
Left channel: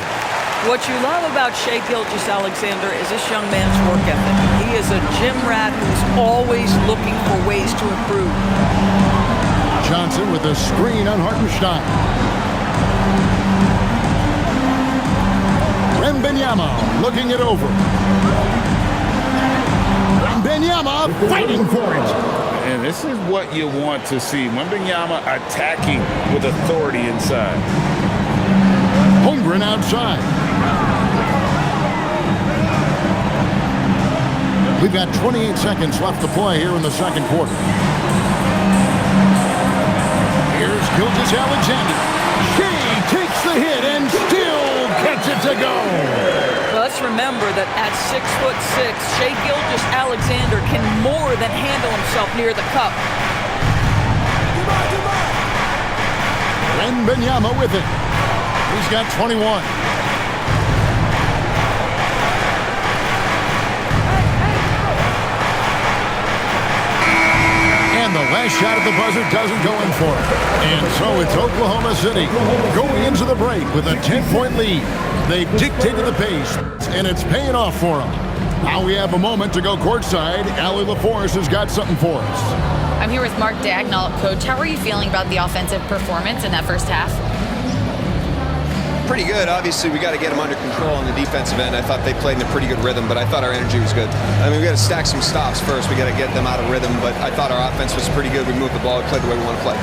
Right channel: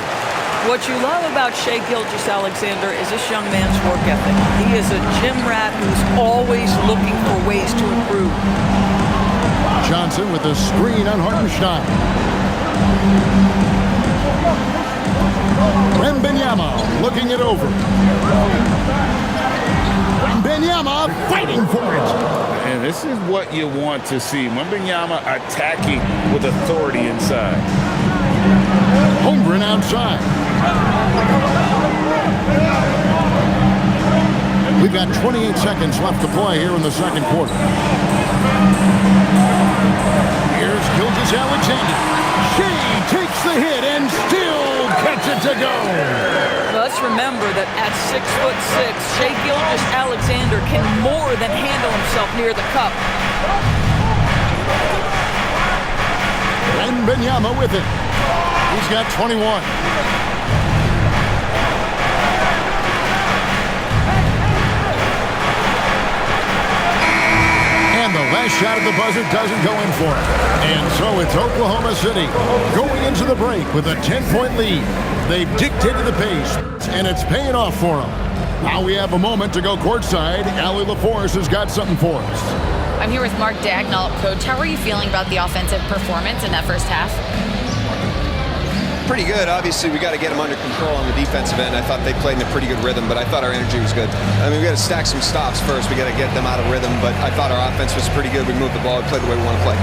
What you love about Shai Gilgeous-Alexander is this young man's work ethic. He is a gym rat who's always looking for ways to improve. Johnson with a screen on Hartenstein. Wembanyama looking it over. Wembanyama fighting for it. And this is what you want to see. Wembanyama attacking with authority inside. Holmgren outside. We've got 28 seconds left to play here in the second quarter. Here's Gilgeous-Alexander. Shai takes the hit and still gets it to go. Well, let's remember that at 6'6", Shai Gilgeous-Alexander can more than handle himself near the cup. Wembanyama with it. He's got 21. And the last shot at the buzzer doesn't go in for it. And so it's Oklahoma City going into the break with a 10-point lead. They've dictated the pace, and it's paying off for them. Now we have a moment to go courtside. Allie LaForce has got something for us. I'm here with Mark Dagnall. Coach, how are you feeling about the offensive performance in that first half? Pretty good. Obviously, we got to get them under control on the defensive end. I thought they played in a pretty good rhythm, but I thought our energy was good. I mean, we got to stack some stops first. We got to get them out of rhythm, but I thought our offense was pretty good. We moved the ball. We played the way we want to play.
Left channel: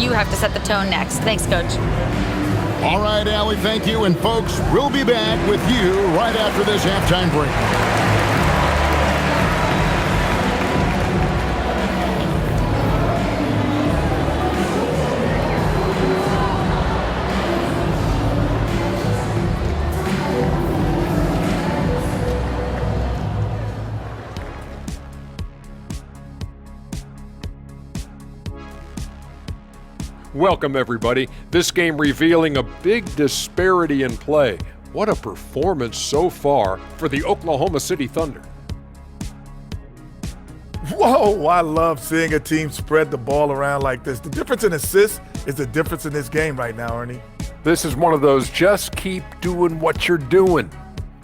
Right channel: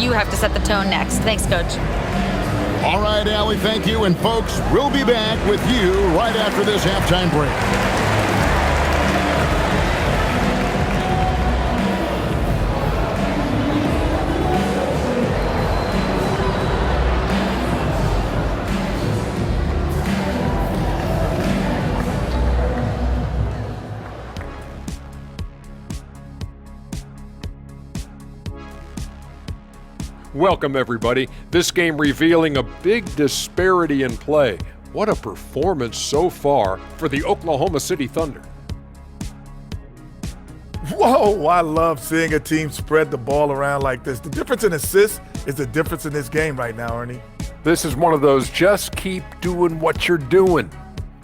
You have to set the tone next. Thanks, Coach. All right, Allie, thank you. And folks, we'll be back with you right after this halftime break. Welcome, everybody. This game revealing a big disparity in play. What a performance so far for the Oklahoma City Thunder. Whoa, I love seeing a team spread the ball around like this. The difference in assists is the difference in this game right now, Ernie. This is one of those just keep doing what you're doing.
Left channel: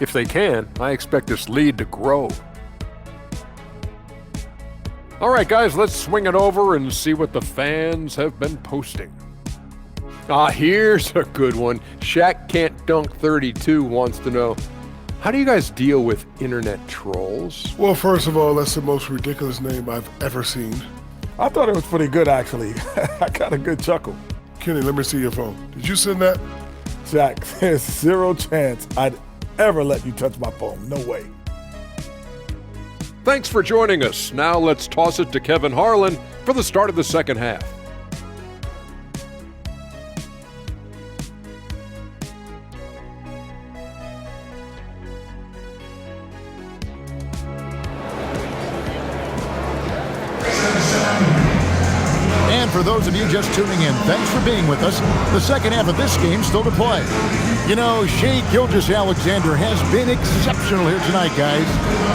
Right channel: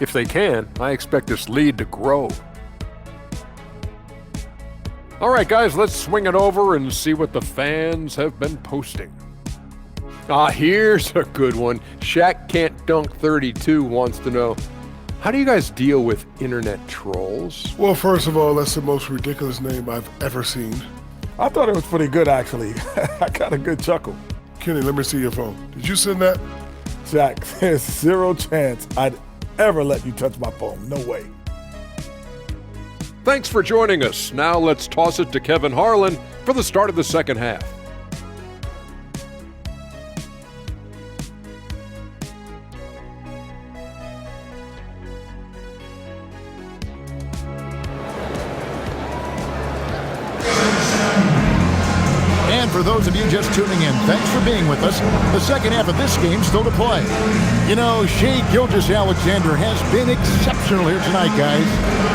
If they can, I expect this lead to grow. All right, guys, let's swing it over and see what the fans have been posting. Here's a good one. Shaq Can't Dunk 32 wants to know, how do you guys deal with internet trolls? Well, first of all, that's the most ridiculous name I've ever seen. I thought it was pretty good, actually. I got a good chuckle. Kenny, let me see your phone. Did you send that? Jack, there's zero chance I'd ever let you touch my phone. No way. Thanks for joining us. Now let's toss it to Kevin Harlan for the start of the second half. And for those of you just tuning in, thanks for being with us. The second half of this game still to play. You know, Shai Gilgeous-Alexander has been exceptional here tonight, guys.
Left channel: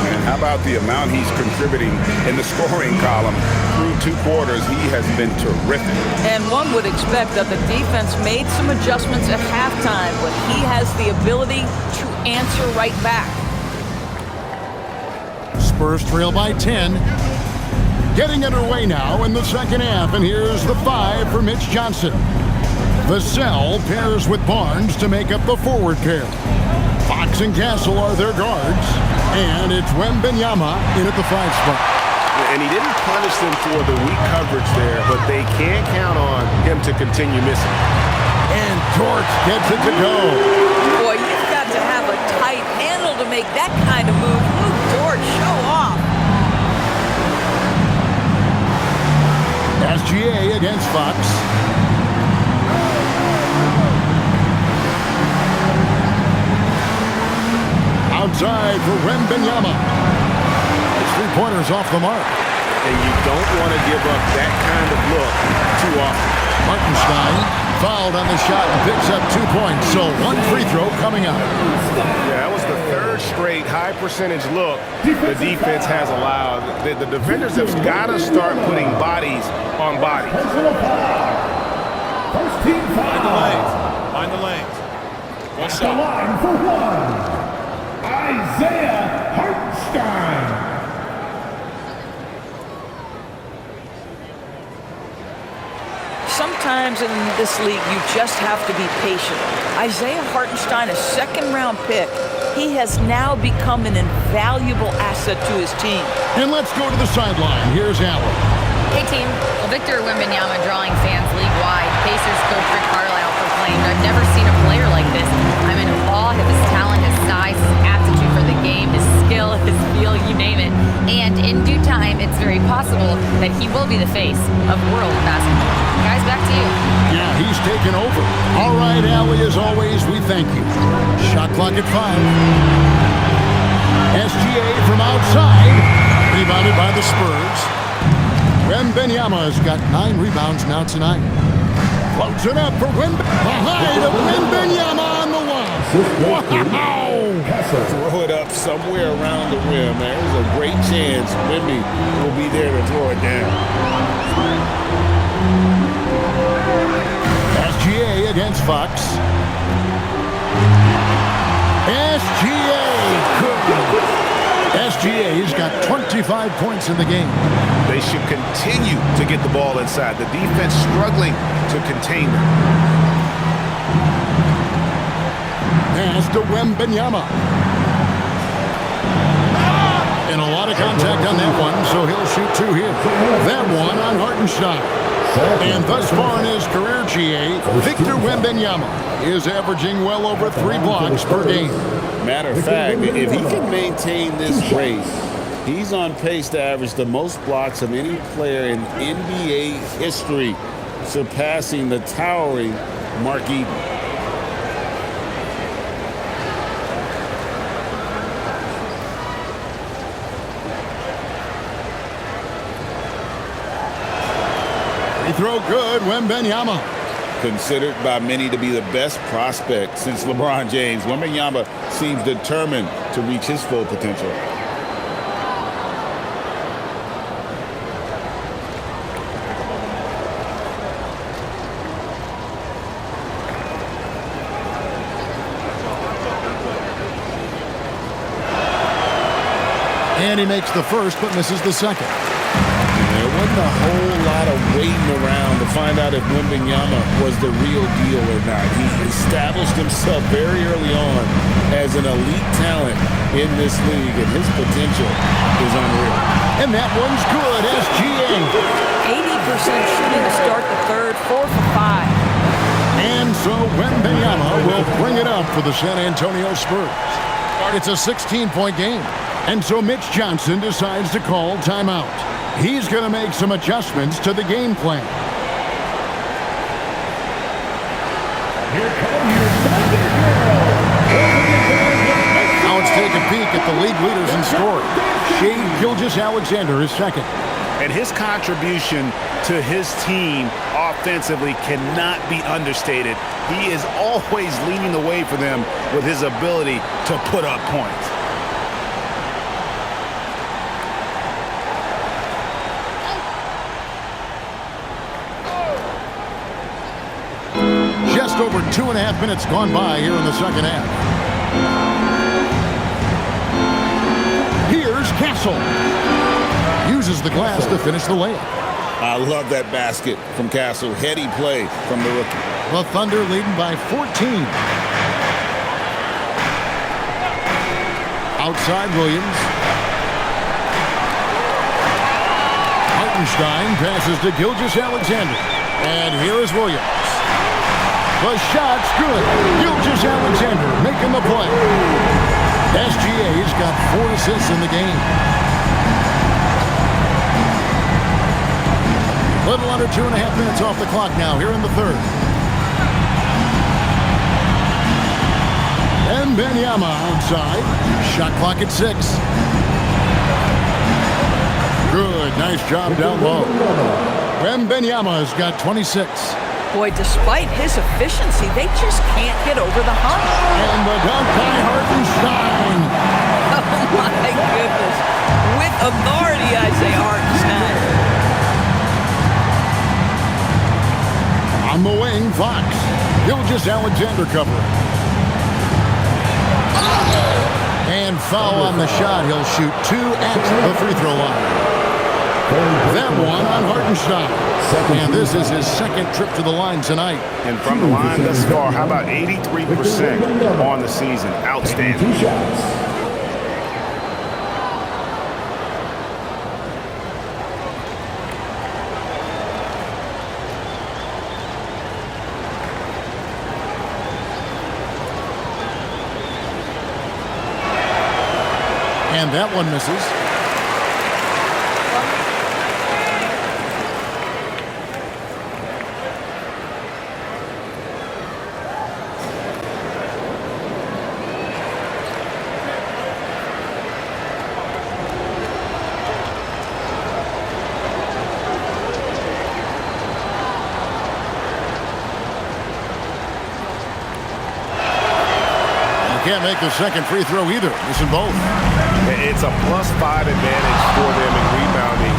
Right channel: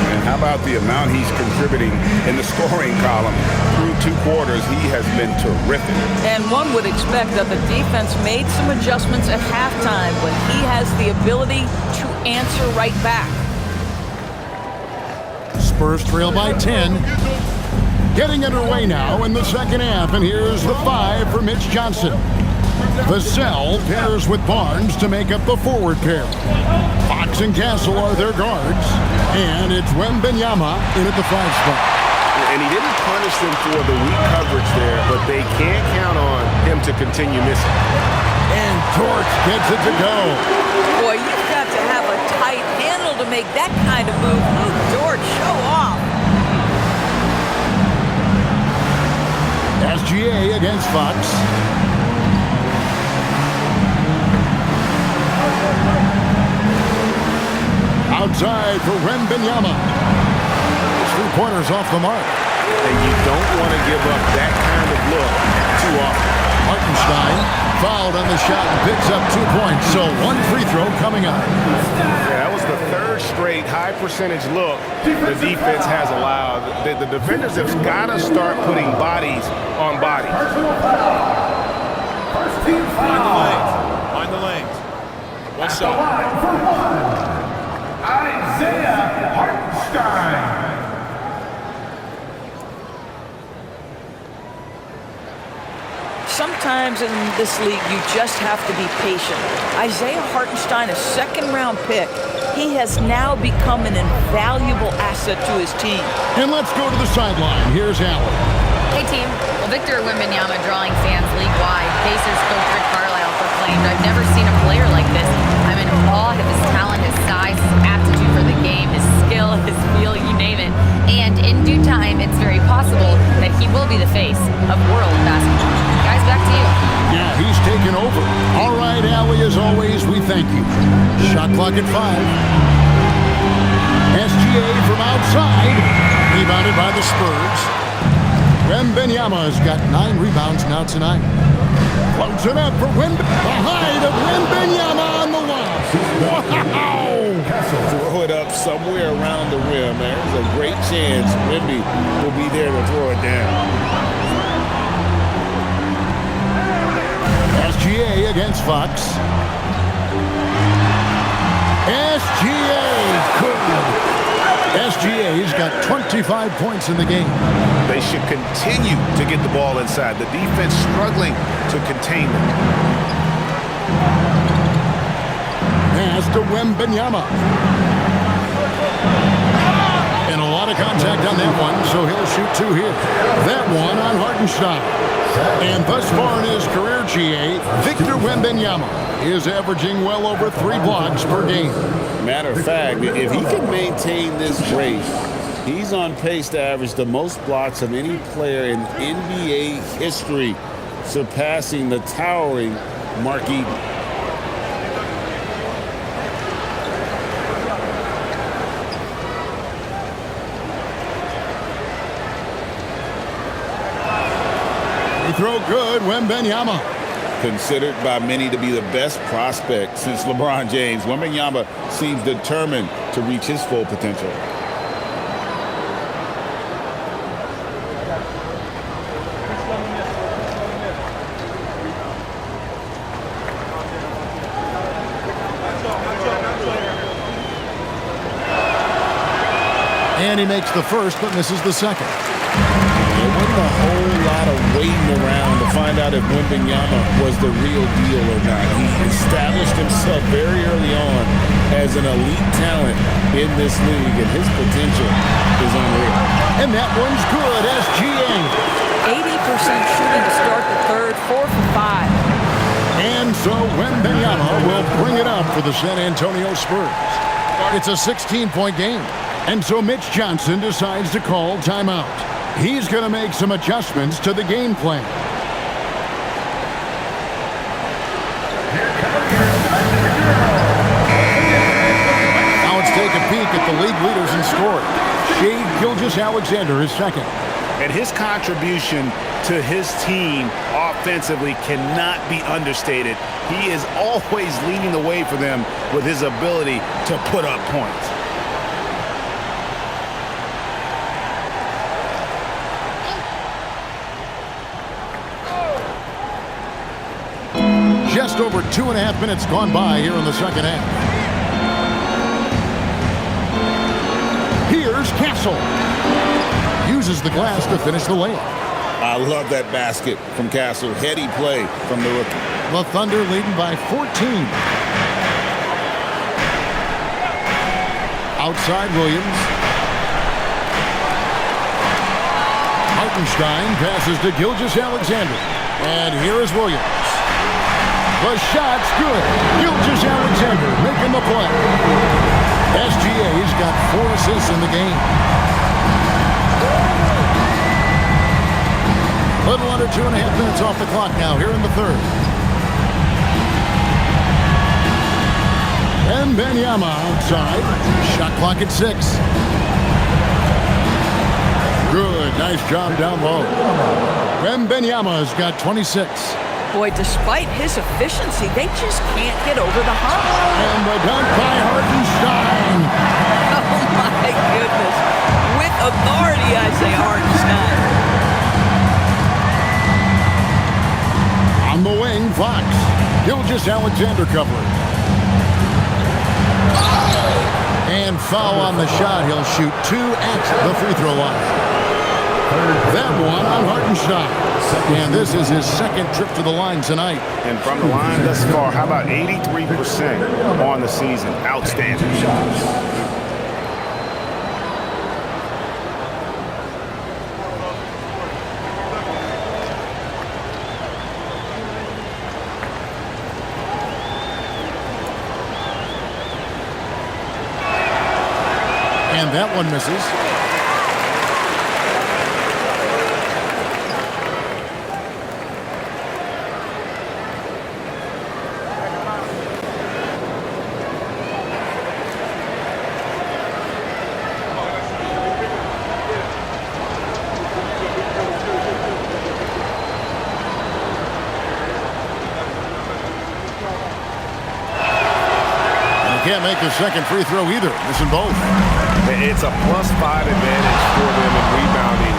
And how about the amount he's contributing in the scoring column? Through 2 quarters, he has been terrific. And one would expect that the defense made some adjustments at halftime, but he has the ability to answer right back. Spurs trail by 10. Getting underway now in the second half, and here's the 5 for Mitch Johnson. Vassell pairs with Barnes to make up the forward pair. Fox and Castle are their guards, and it's Wembanyama in at the 5 spot. And he didn't punish them for the weak coverage there, but they can't count on him to continue missing. And Torch gets it to go. Boy, you've got to have a tight handle to make that kind of move. Luke Dort, show off. SGA against Fox. Outside for Wembanyama. His 3-pointer's off the mark. And you don't want to give up that kind of look too often. Martenstein fouled on the shot and picks up 2 points. So 1 free throw coming up. Yeah, that was the 3rd straight high percentage look the defense has allowed. The defenders have got to start putting bodies on bodies. Personal foul. First team foul. Mind the lanes. One At shot. the line for 1, Isaiah Hartenstein. Sometimes in this league, you just have to be patient. Isaiah Hartenstein, a 2nd-round pick, he has now become an invaluable asset to his team. And let's go to the sideline. Here's Allen. Hey team, well Victor Wembanyama drawing fans league-wide. Pacers coach Rick Carlisle proclaimed, "I've never seen a player like this. I'm in awe of his talent, his size, his aptitude for the game, his skill, his feel, you name it. And in due time, it's very possible that he will be the face of world basketball." Guys, back to you. Yeah, he's taken over. All right, Allie, as always, we thank you. Shot clock at 5. SGA from outside. Rebounded by the Spurs. Wembanyama's got 9 rebounds now tonight. Floats it up for Wembanyama. The height of Wembanyama on the lob. Wow! Throw it up somewhere around the rim. There's a great chance Wemby will be there to throw it down. SGA against Fox. SGA good. SGA's got 25 points in the game. They should continue to get the ball inside. The defense struggling to contain them. Pass to Wembanyama. And a lot of contact on that one, so he'll shoot 2 here. That one on Hartenstein. And thus far in his career, GA, Victor Wembanyama is averaging well over 3 blocks per game. Matter of fact, if he can maintain this rate, he's on pace to average the most blocks of any player in NBA history, surpassing the towering Mark Eaton. Free throw good, Wembanyama. Considered by many to be the best prospect since LeBron James, Wembanyama seems determined to reach his full potential. And he makes the first, but misses the second. There wasn't a whole lot of waiting around to find out if Wembanyama was the real deal or not. He established himself very early on as an elite talent in this league, and his potential is unreal. And that one's good, SGA. 80% shooting to start the third, 4 for 5. And so Wembanyama will bring it up for the San Antonio Spurs. It's a 16-point game. And so Mitch Johnson decides to call timeout. He's going to make some adjustments to the game plan. Here come your Thunder Girls. Now let's take a peek at the league leaders in scoring. Shai Gilgeous-Alexander is second. And his contribution to his team offensively cannot be understated. He is always leading the way for them with his ability to put up points. Just over 2.5 minutes gone by here in the second half. Here's Castle. Uses the glass to finish the layup. I love that basket from Castle. Heady play from the rookie. The Thunder leading by 14. Outside Williams. Hartenstein passes to Gilgeous-Alexander. And here is Williams. The shot's good. Gilgeous-Alexander making the play. SGA's got 4 assists in the game. Little under 2.5 minutes off the clock now here in the third. Wembanyama outside. Shot clock at 6. Good. Nice job down low. Wembanyama's got 26. Boy, despite his efficiency, they just can't get over the hump. And the dunk by Hartenstein. Oh, my goodness. With authority, I say Hartenstein. On the wing, Fox. Gilgeous-Alexander covering. And foul on the shot. He'll shoot 2 at the free throw line. That one on Hartenstein. And this is his second trip to the line tonight. And from the line thus far, how about 83% on the season? Outstanding. And that one misses. Can't make the second free throw either. Missing both. It's a +5 advantage for them in rebounding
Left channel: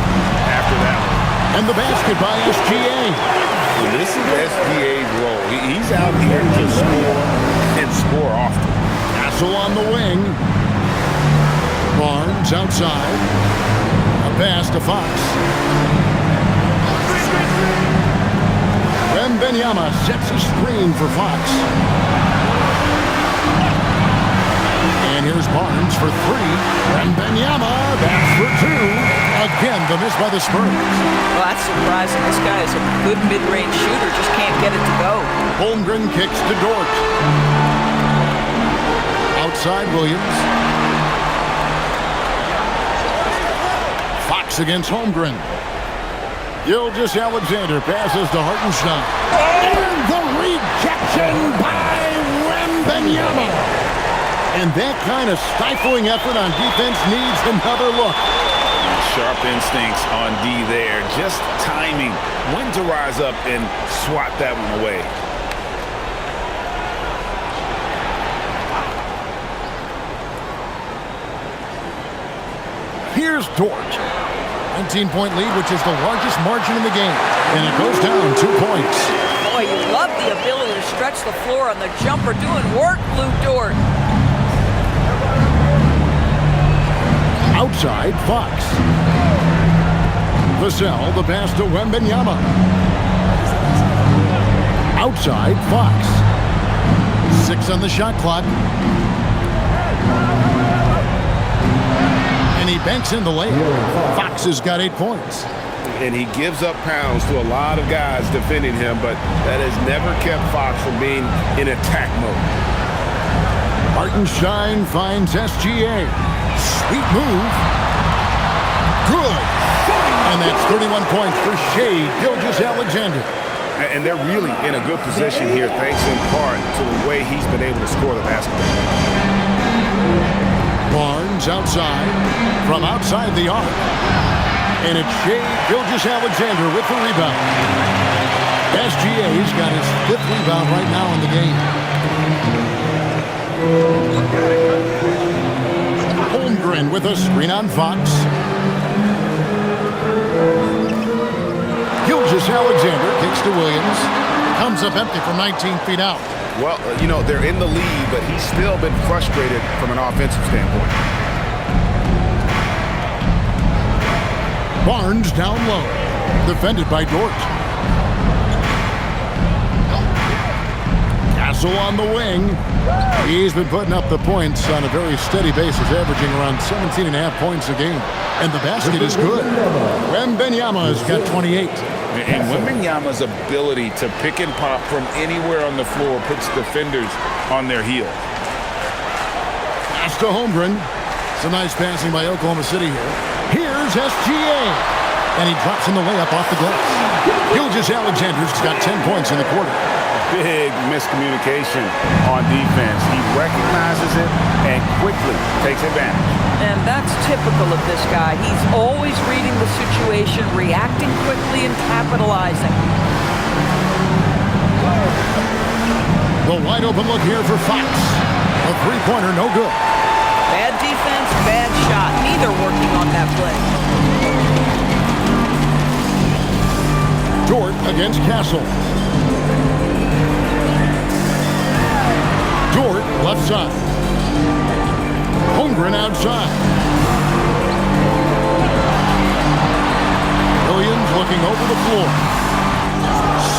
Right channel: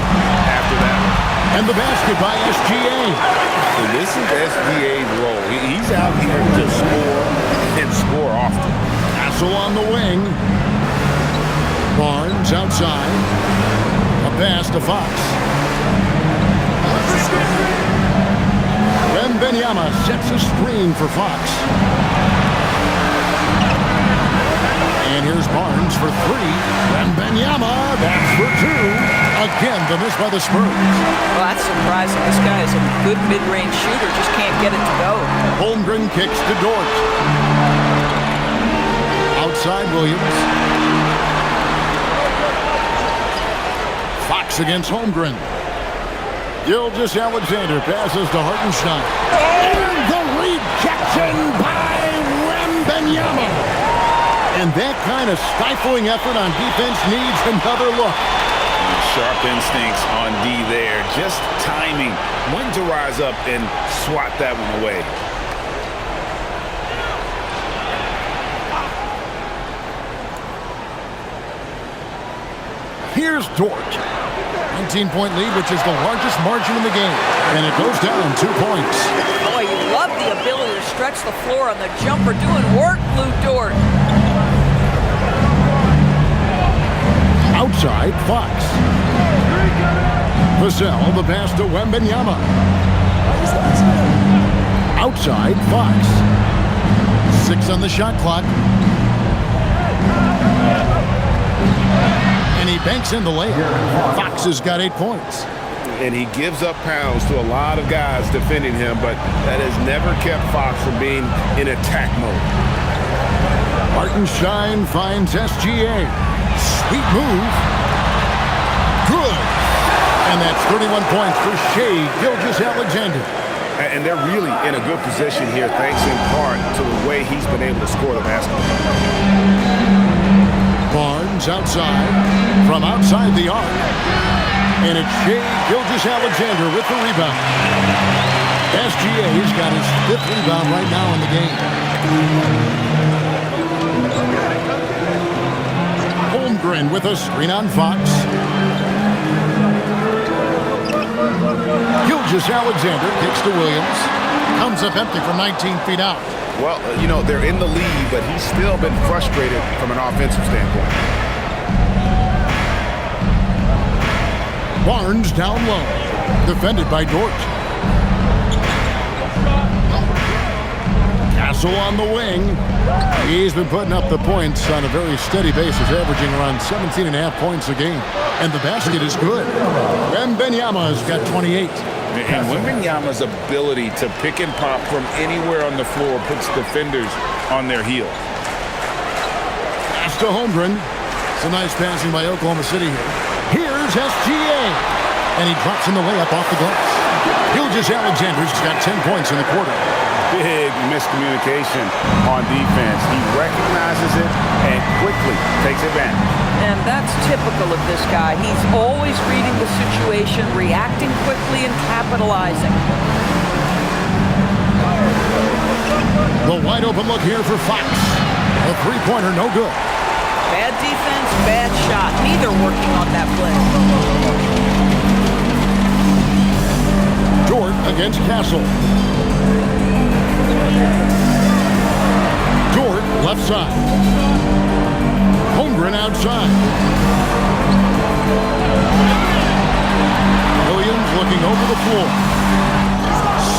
after that one. And the basket by SGA. And this is SGA's role. He's out here to score and score often. Castle on the wing. Barnes outside. A pass to Fox. Wembanyama sets a screen for Fox. And here's Barnes for 3. Wembanyama, that's for 2. Again, the miss by the Spurs. Well, that's surprising. This guy is a good mid-range shooter, just can't get it to go. Holmgren kicks to Dort. Outside Williams. Fox against Holmgren. Gilgeous-Alexander passes to Hartenstein. And the rejection by Wembanyama. And that kind of stifling effort on defense needs another look. Sharp instincts on D there. Just timing when to rise up and swat that one away. Here's Dort. 19-point lead, which is the largest margin in the game. And it goes down 2 points. Boy, you love the ability to stretch the floor on the jumper. Doing work, Lou Dort. Outside, Fox. Vassell, the pass to Wembanyama. Outside, Fox. 6 on the shot clock. And he banks in the layup. Fox has got 8 points. And he gives up pounds to a lot of guys defending him, but that has never kept Fox from being in attack mode. Hartenstein finds SGA. Sweet move. Good. And that's 31 points for Shai Gilgeous-Alexander. And they're really in a good position here, thanks in part to the way he's been able to score the basketball. Barnes outside. From outside the arc. And it's Shai Gilgeous-Alexander with the rebound. SGA's got his 5th rebound right now in the game. Holmgren with a screen on Fox. Gilgeous-Alexander kicks to Williams. Comes up empty from 19 feet out. Well, you know, they're in the lead, but he's still been frustrated from an offensive standpoint. Barnes down low. Defended by Dort. Castle on the wing. He's been putting up the points on a very steady basis, averaging around 17.5 points a game. And the basket is good. Wembanyama's got 28. And Wembanyama's ability to pick and pop from anywhere on the floor puts defenders on their heels. Pass to Holmgren. Some nice passing by Oklahoma City here. Here's SGA. And he drops in the layup off the glass. Gilgeous-Alexander's got 10 points in the quarter. Big miscommunication on defense. He recognizes it and quickly takes advantage. And that's typical of this guy. He's always reading the situation, reacting quickly, and capitalizing. The wide open look here for Fox. A three-pointer, no good. Bad defense, bad shot. Neither working on that play. Dort against Castle. Dort left side. Holmgren outside. Williams looking over the floor.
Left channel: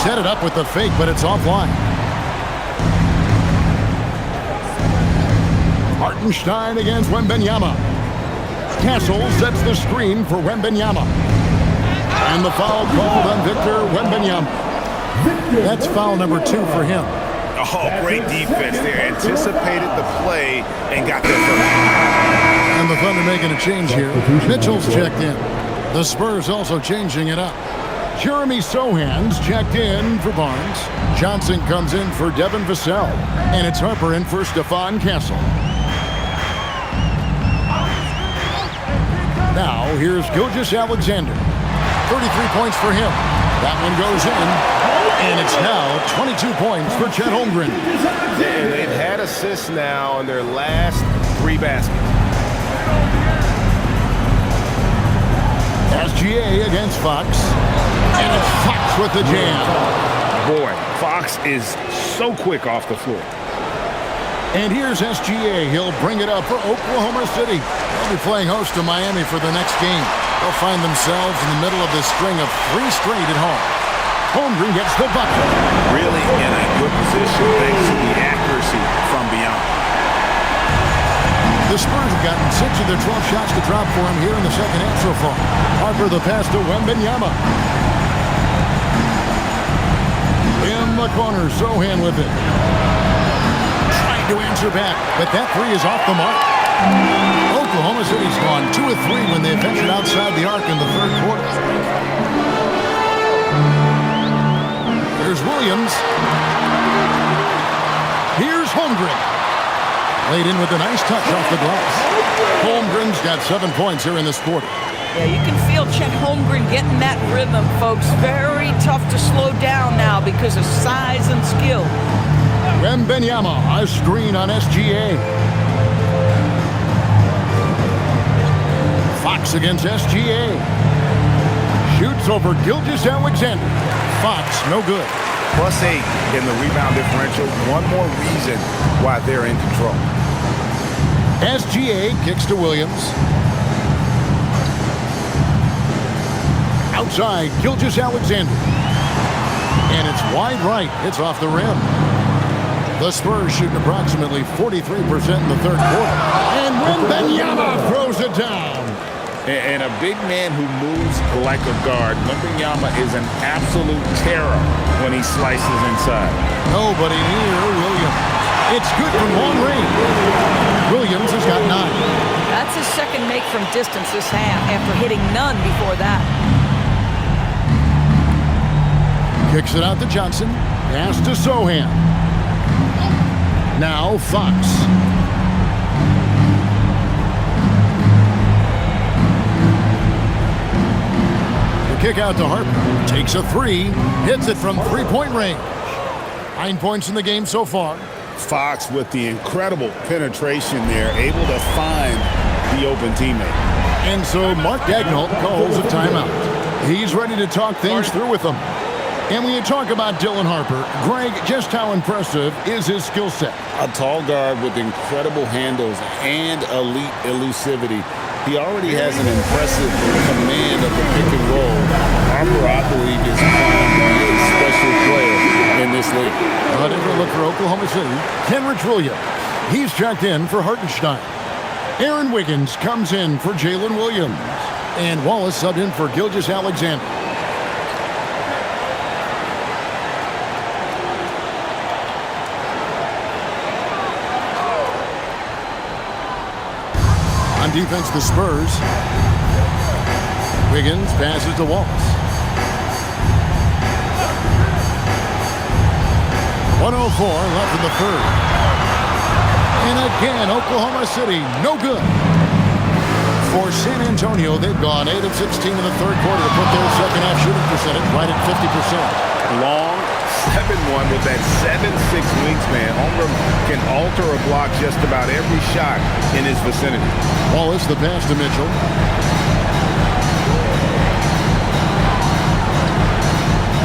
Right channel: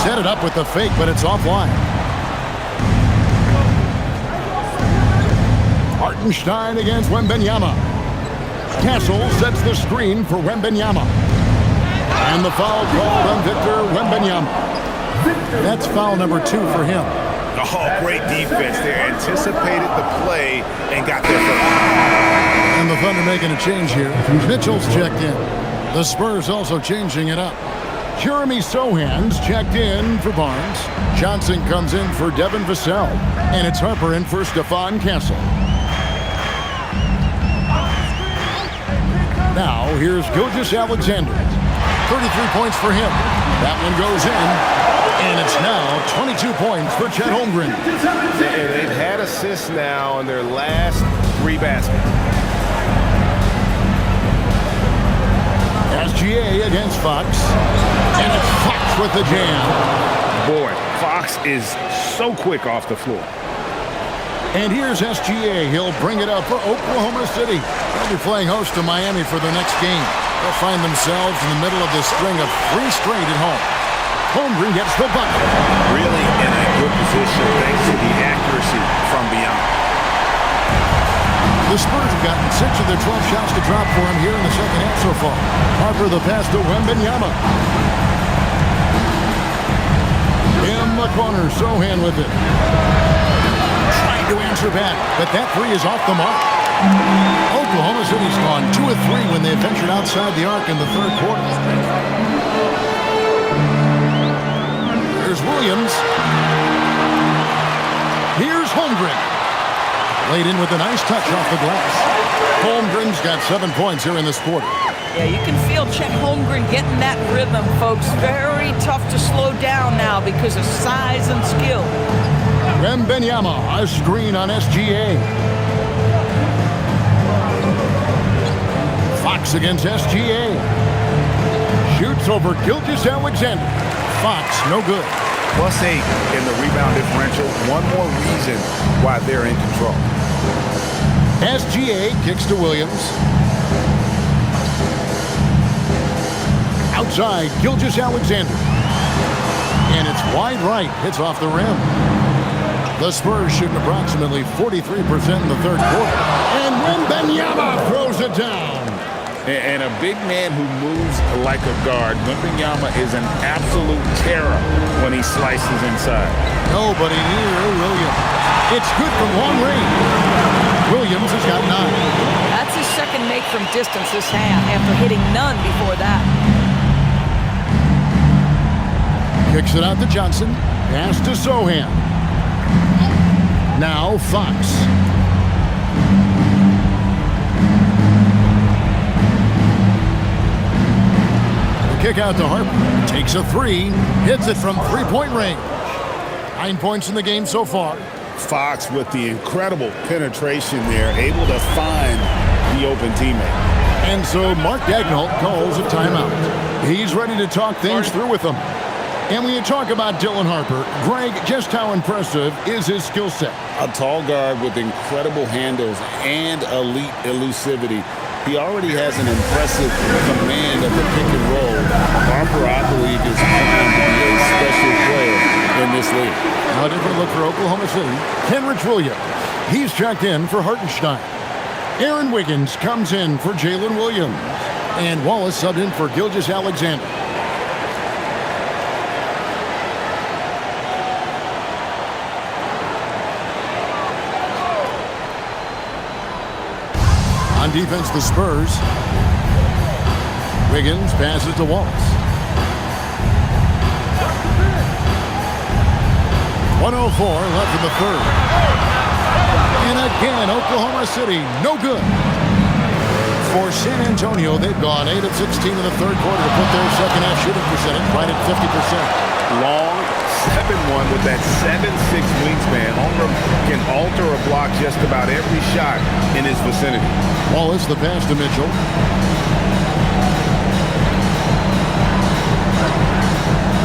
Set it up with the fake, but it's offline. Hartenstein against Wembanyama. Castle sets the screen for Wembanyama. And the foul called on Victor Wembanyama. That's foul number 2 for him. Oh, great defense there. Anticipated the play and got there first. And the Thunder making a change here. Mitchell's checked in. The Spurs also changing it up. Jeremy Sohan's checked in for Barnes. Johnson comes in for Devin Vassell. And it's Harper in for Stephon Castle. Now, here's Gilgeous-Alexander. 33 points for him. That one goes in. And it's now 22 points for Chet Holmgren. And they've had assists now on their last 3 baskets. SGA against Fox. And it's Fox with the jam. Boy, Fox is so quick off the floor. And here's SGA. He'll bring it up for Oklahoma City. They'll be playing host to Miami for the next game. They'll find themselves in the middle of this string of 3 straight at home. Holmgren gets the bucket. Really in a good position thanks to the accuracy from beyond. The Spurs have gotten 6 of their 12 shots to drop for him here in the second half so far. Harper the pass to Wembanyama. In the corner, Sohan with it. Trying to answer back, but that 3 is off the mark. Oklahoma City's gone 2 of 3 when they ventured outside the arc in the third quarter. Here's Williams. Here's Holmgren. Laid in with a nice touch off the glass. Holmgren's got 7 points here in this quarter. Yeah, you can feel Chet Holmgren getting that rhythm, folks. Very tough to slow down now because of size and skill. Wembanyama, a screen on SGA. Fox against SGA. Shoots over Gilgeous-Alexander. Fox, no good. +8 in the rebound differential. One more reason why they're in control. SGA kicks to Williams. Outside, Gilgeous-Alexander. And it's wide right. Hits off the rim. The Spurs shooting approximately 43% in the third quarter. And Wembanyama throws it down. And a big man who moves like a guard. Wembanyama is an absolute terror when he slices inside. Nobody near Williams. It's good from long range. Williams has got 9. That's his second make from distance this half after hitting none before that. Kicks it out to Johnson. Pass to Sohan. Now Fox. Kick out to Harper. Takes a 3. Hits it from three-point range. 9 points in the game so far. Fox with the incredible penetration there, able to find the open teammate. And so Mark Daigneault calls a timeout. He's ready to talk things through with them. And when you talk about Dylan Harper, Greg, just how impressive is his skill set? A tall guard with incredible handles and elite elusivity. He already has an impressive command of the pick and roll. Harper, I believe, is primed to be a special player in this league. A different look for Oklahoma City. Kenrich Williams. He's checked in for Hartenstein. Aaron Wiggins comes in for Jalen Williams. And Wallace subbed in for Gilgeous-Alexander. On defense, the Spurs. Wiggins passes to Wallace. 1:04 left in the third. And again, Oklahoma City, no good. For San Antonio, they've gone 8 of 16 in the third quarter to put their second half shooting percentage right at 50%. Long, 7-1 with that 7'6" wingspan. Holmgren can alter a block just about every shot in his vicinity. Wallace, the pass to Mitchell.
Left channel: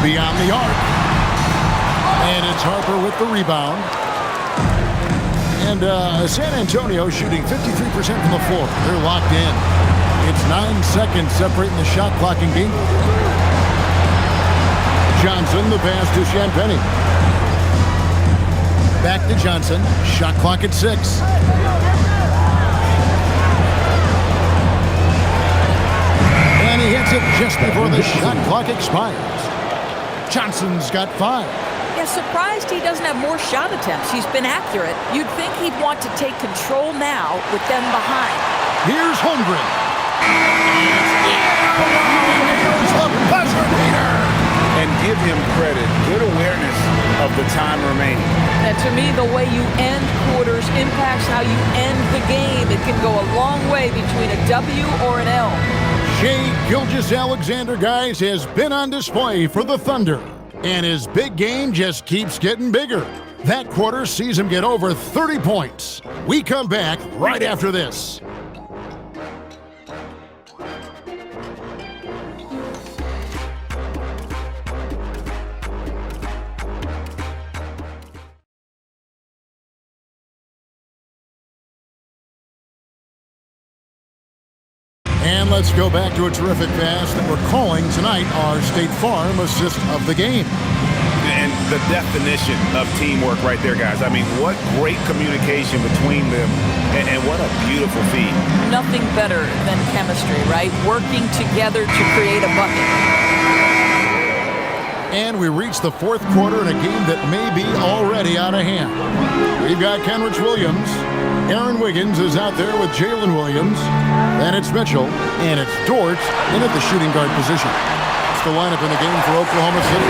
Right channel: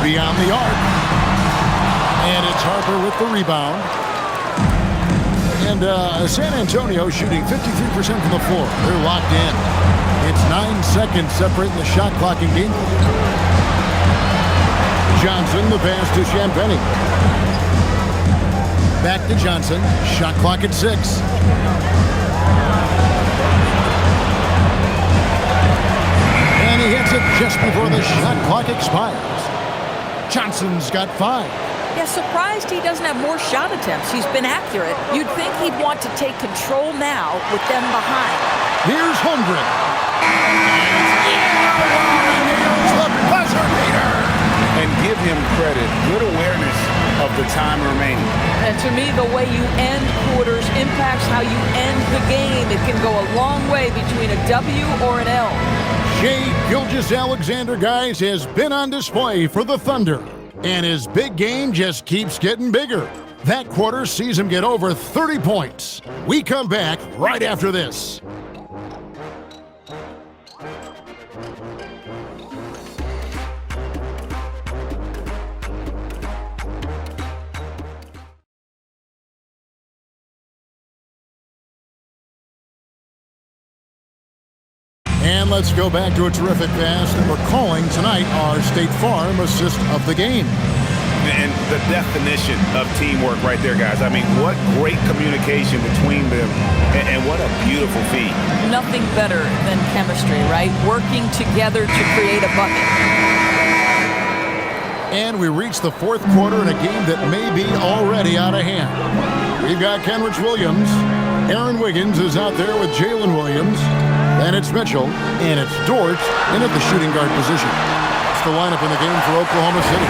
Beyond the arc. And it's Harper with the rebound. And San Antonio shooting 53% from the floor. They're locked in. It's 9 seconds separating the shot clock and game. Johnson, the pass to Champagnie. Back to Johnson. Shot clock at 6. And he hits it just before the shot clock expires. Johnson's got 5. Yeah, surprised he doesn't have more shot attempts. He's been accurate. You'd think he'd want to take control now with them behind. Here's Holmgren. He nails the buzzer beater. And give him credit. Good awareness of the time remaining. And to me, the way you end quarters impacts how you end the game. It can go a long way between a W or an L. Shai Gilgeous-Alexander, guys, has been on display for the Thunder. And his big game just keeps getting bigger. That quarter sees him get over 30 points. We come back right after this. And let's go back to a terrific pass that we're calling tonight our State Farm assist of the game. And the definition of teamwork right there, guys. I mean, what great communication between them, and what a beautiful feed. Nothing better than chemistry, right? Working together to create a bucket. And we reach the fourth quarter in a game that may be already out of hand. We've got Kenrich Williams. Aaron Wiggins is out there with Jalen Williams. Then it's Mitchell, and it's Dort in at the shooting guard position. That's the lineup in the game for Oklahoma City.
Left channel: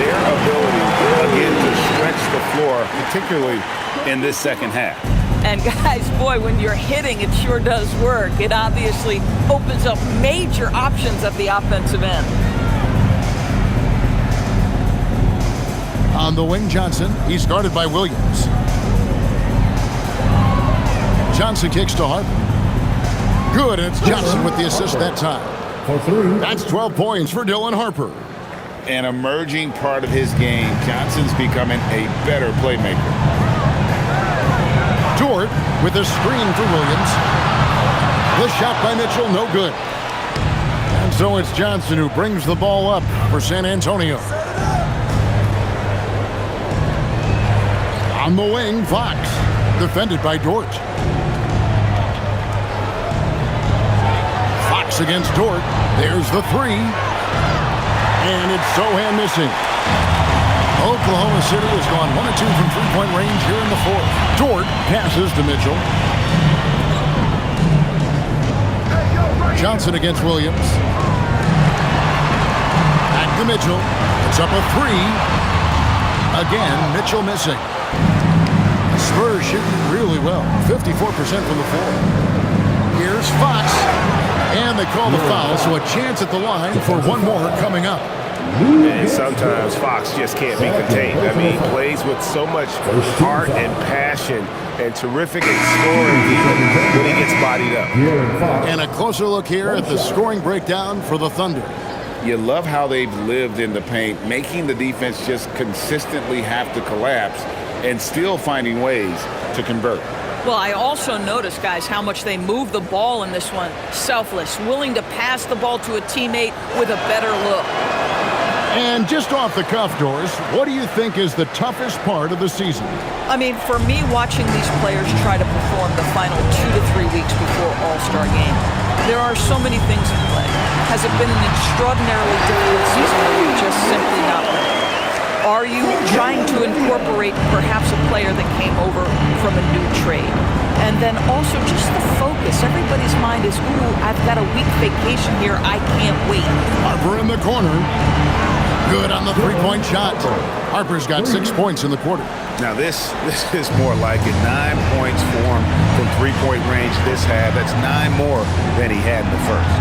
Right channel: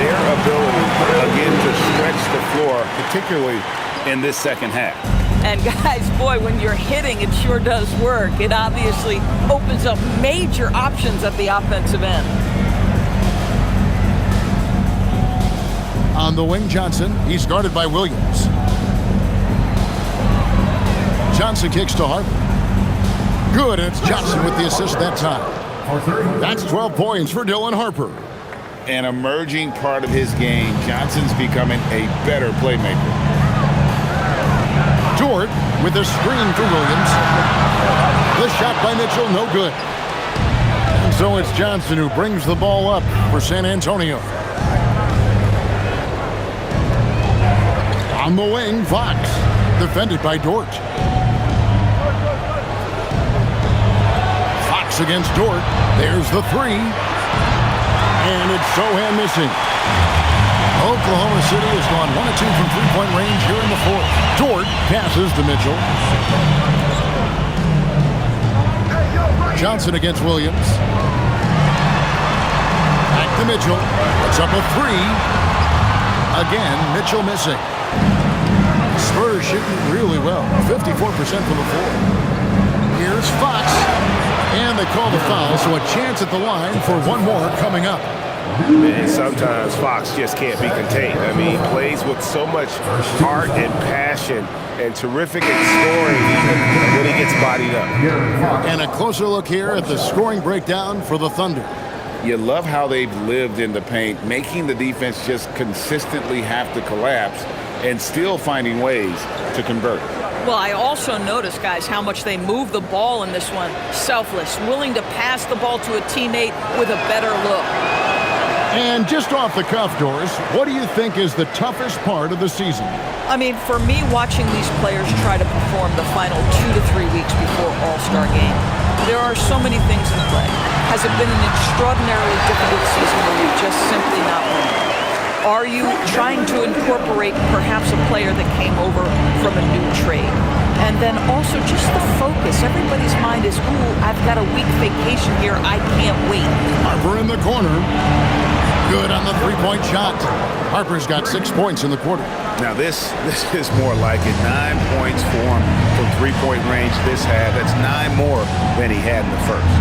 Their ability, again, to stretch the floor, particularly in this second half. And guys, boy, when you're hitting, it sure does work. It obviously opens up major options at the offensive end. On the wing, Johnson. He's guarded by Williams. Johnson kicks to Harper. Good, and it's Johnson with the assist that time. That's 12 points for Dylan Harper. An emerging part of his game. Johnson's becoming a better playmaker. Dort with a screen for Williams. The shot by Mitchell, no good. And so it's Johnson who brings the ball up for San Antonio. On the wing, Fox, defended by Dort. Fox against Dort. There's the three. And it's Sohan missing. Oklahoma City has gone 1 of 2 from three-point range here in the fourth. Dort passes to Mitchell. Johnson against Williams. Back to Mitchell. Puts up a three. Again, Mitchell missing. Spurs shooting really well. 54% from the floor. Here's Fox. And they call the foul, so a chance at the line for one more coming up. And sometimes Fox just can't be contained. I mean, he plays with so much heart and passion and terrific at scoring even when he gets bodied up. And a closer look here at the scoring breakdown for the Thunder. You love how they've lived in the paint, making the defense just consistently have to collapse and still finding ways to convert. Well, I also noticed, guys, how much they move the ball in this one. Selfless, willing to pass the ball to a teammate with a better look. And just off the cuff, Doris, what do you think is the toughest part of the season? I mean, for me, watching these players try to perform the final 2 to 3 weeks before All-Star game, there are so many things in play. Has it been an extraordinarily difficult season where you're just simply not winning? Are you trying to incorporate perhaps a player that came over from a new trade? And then also just the focus. Everybody's mind is, ooh, I've got a week vacation here. I can't wait. Harper in the corner. Good on the three-point shot. Harper's got 6 points in the quarter. Now this is more like it. 9 points for him from three-point range this half. That's 9 more than he had in the first.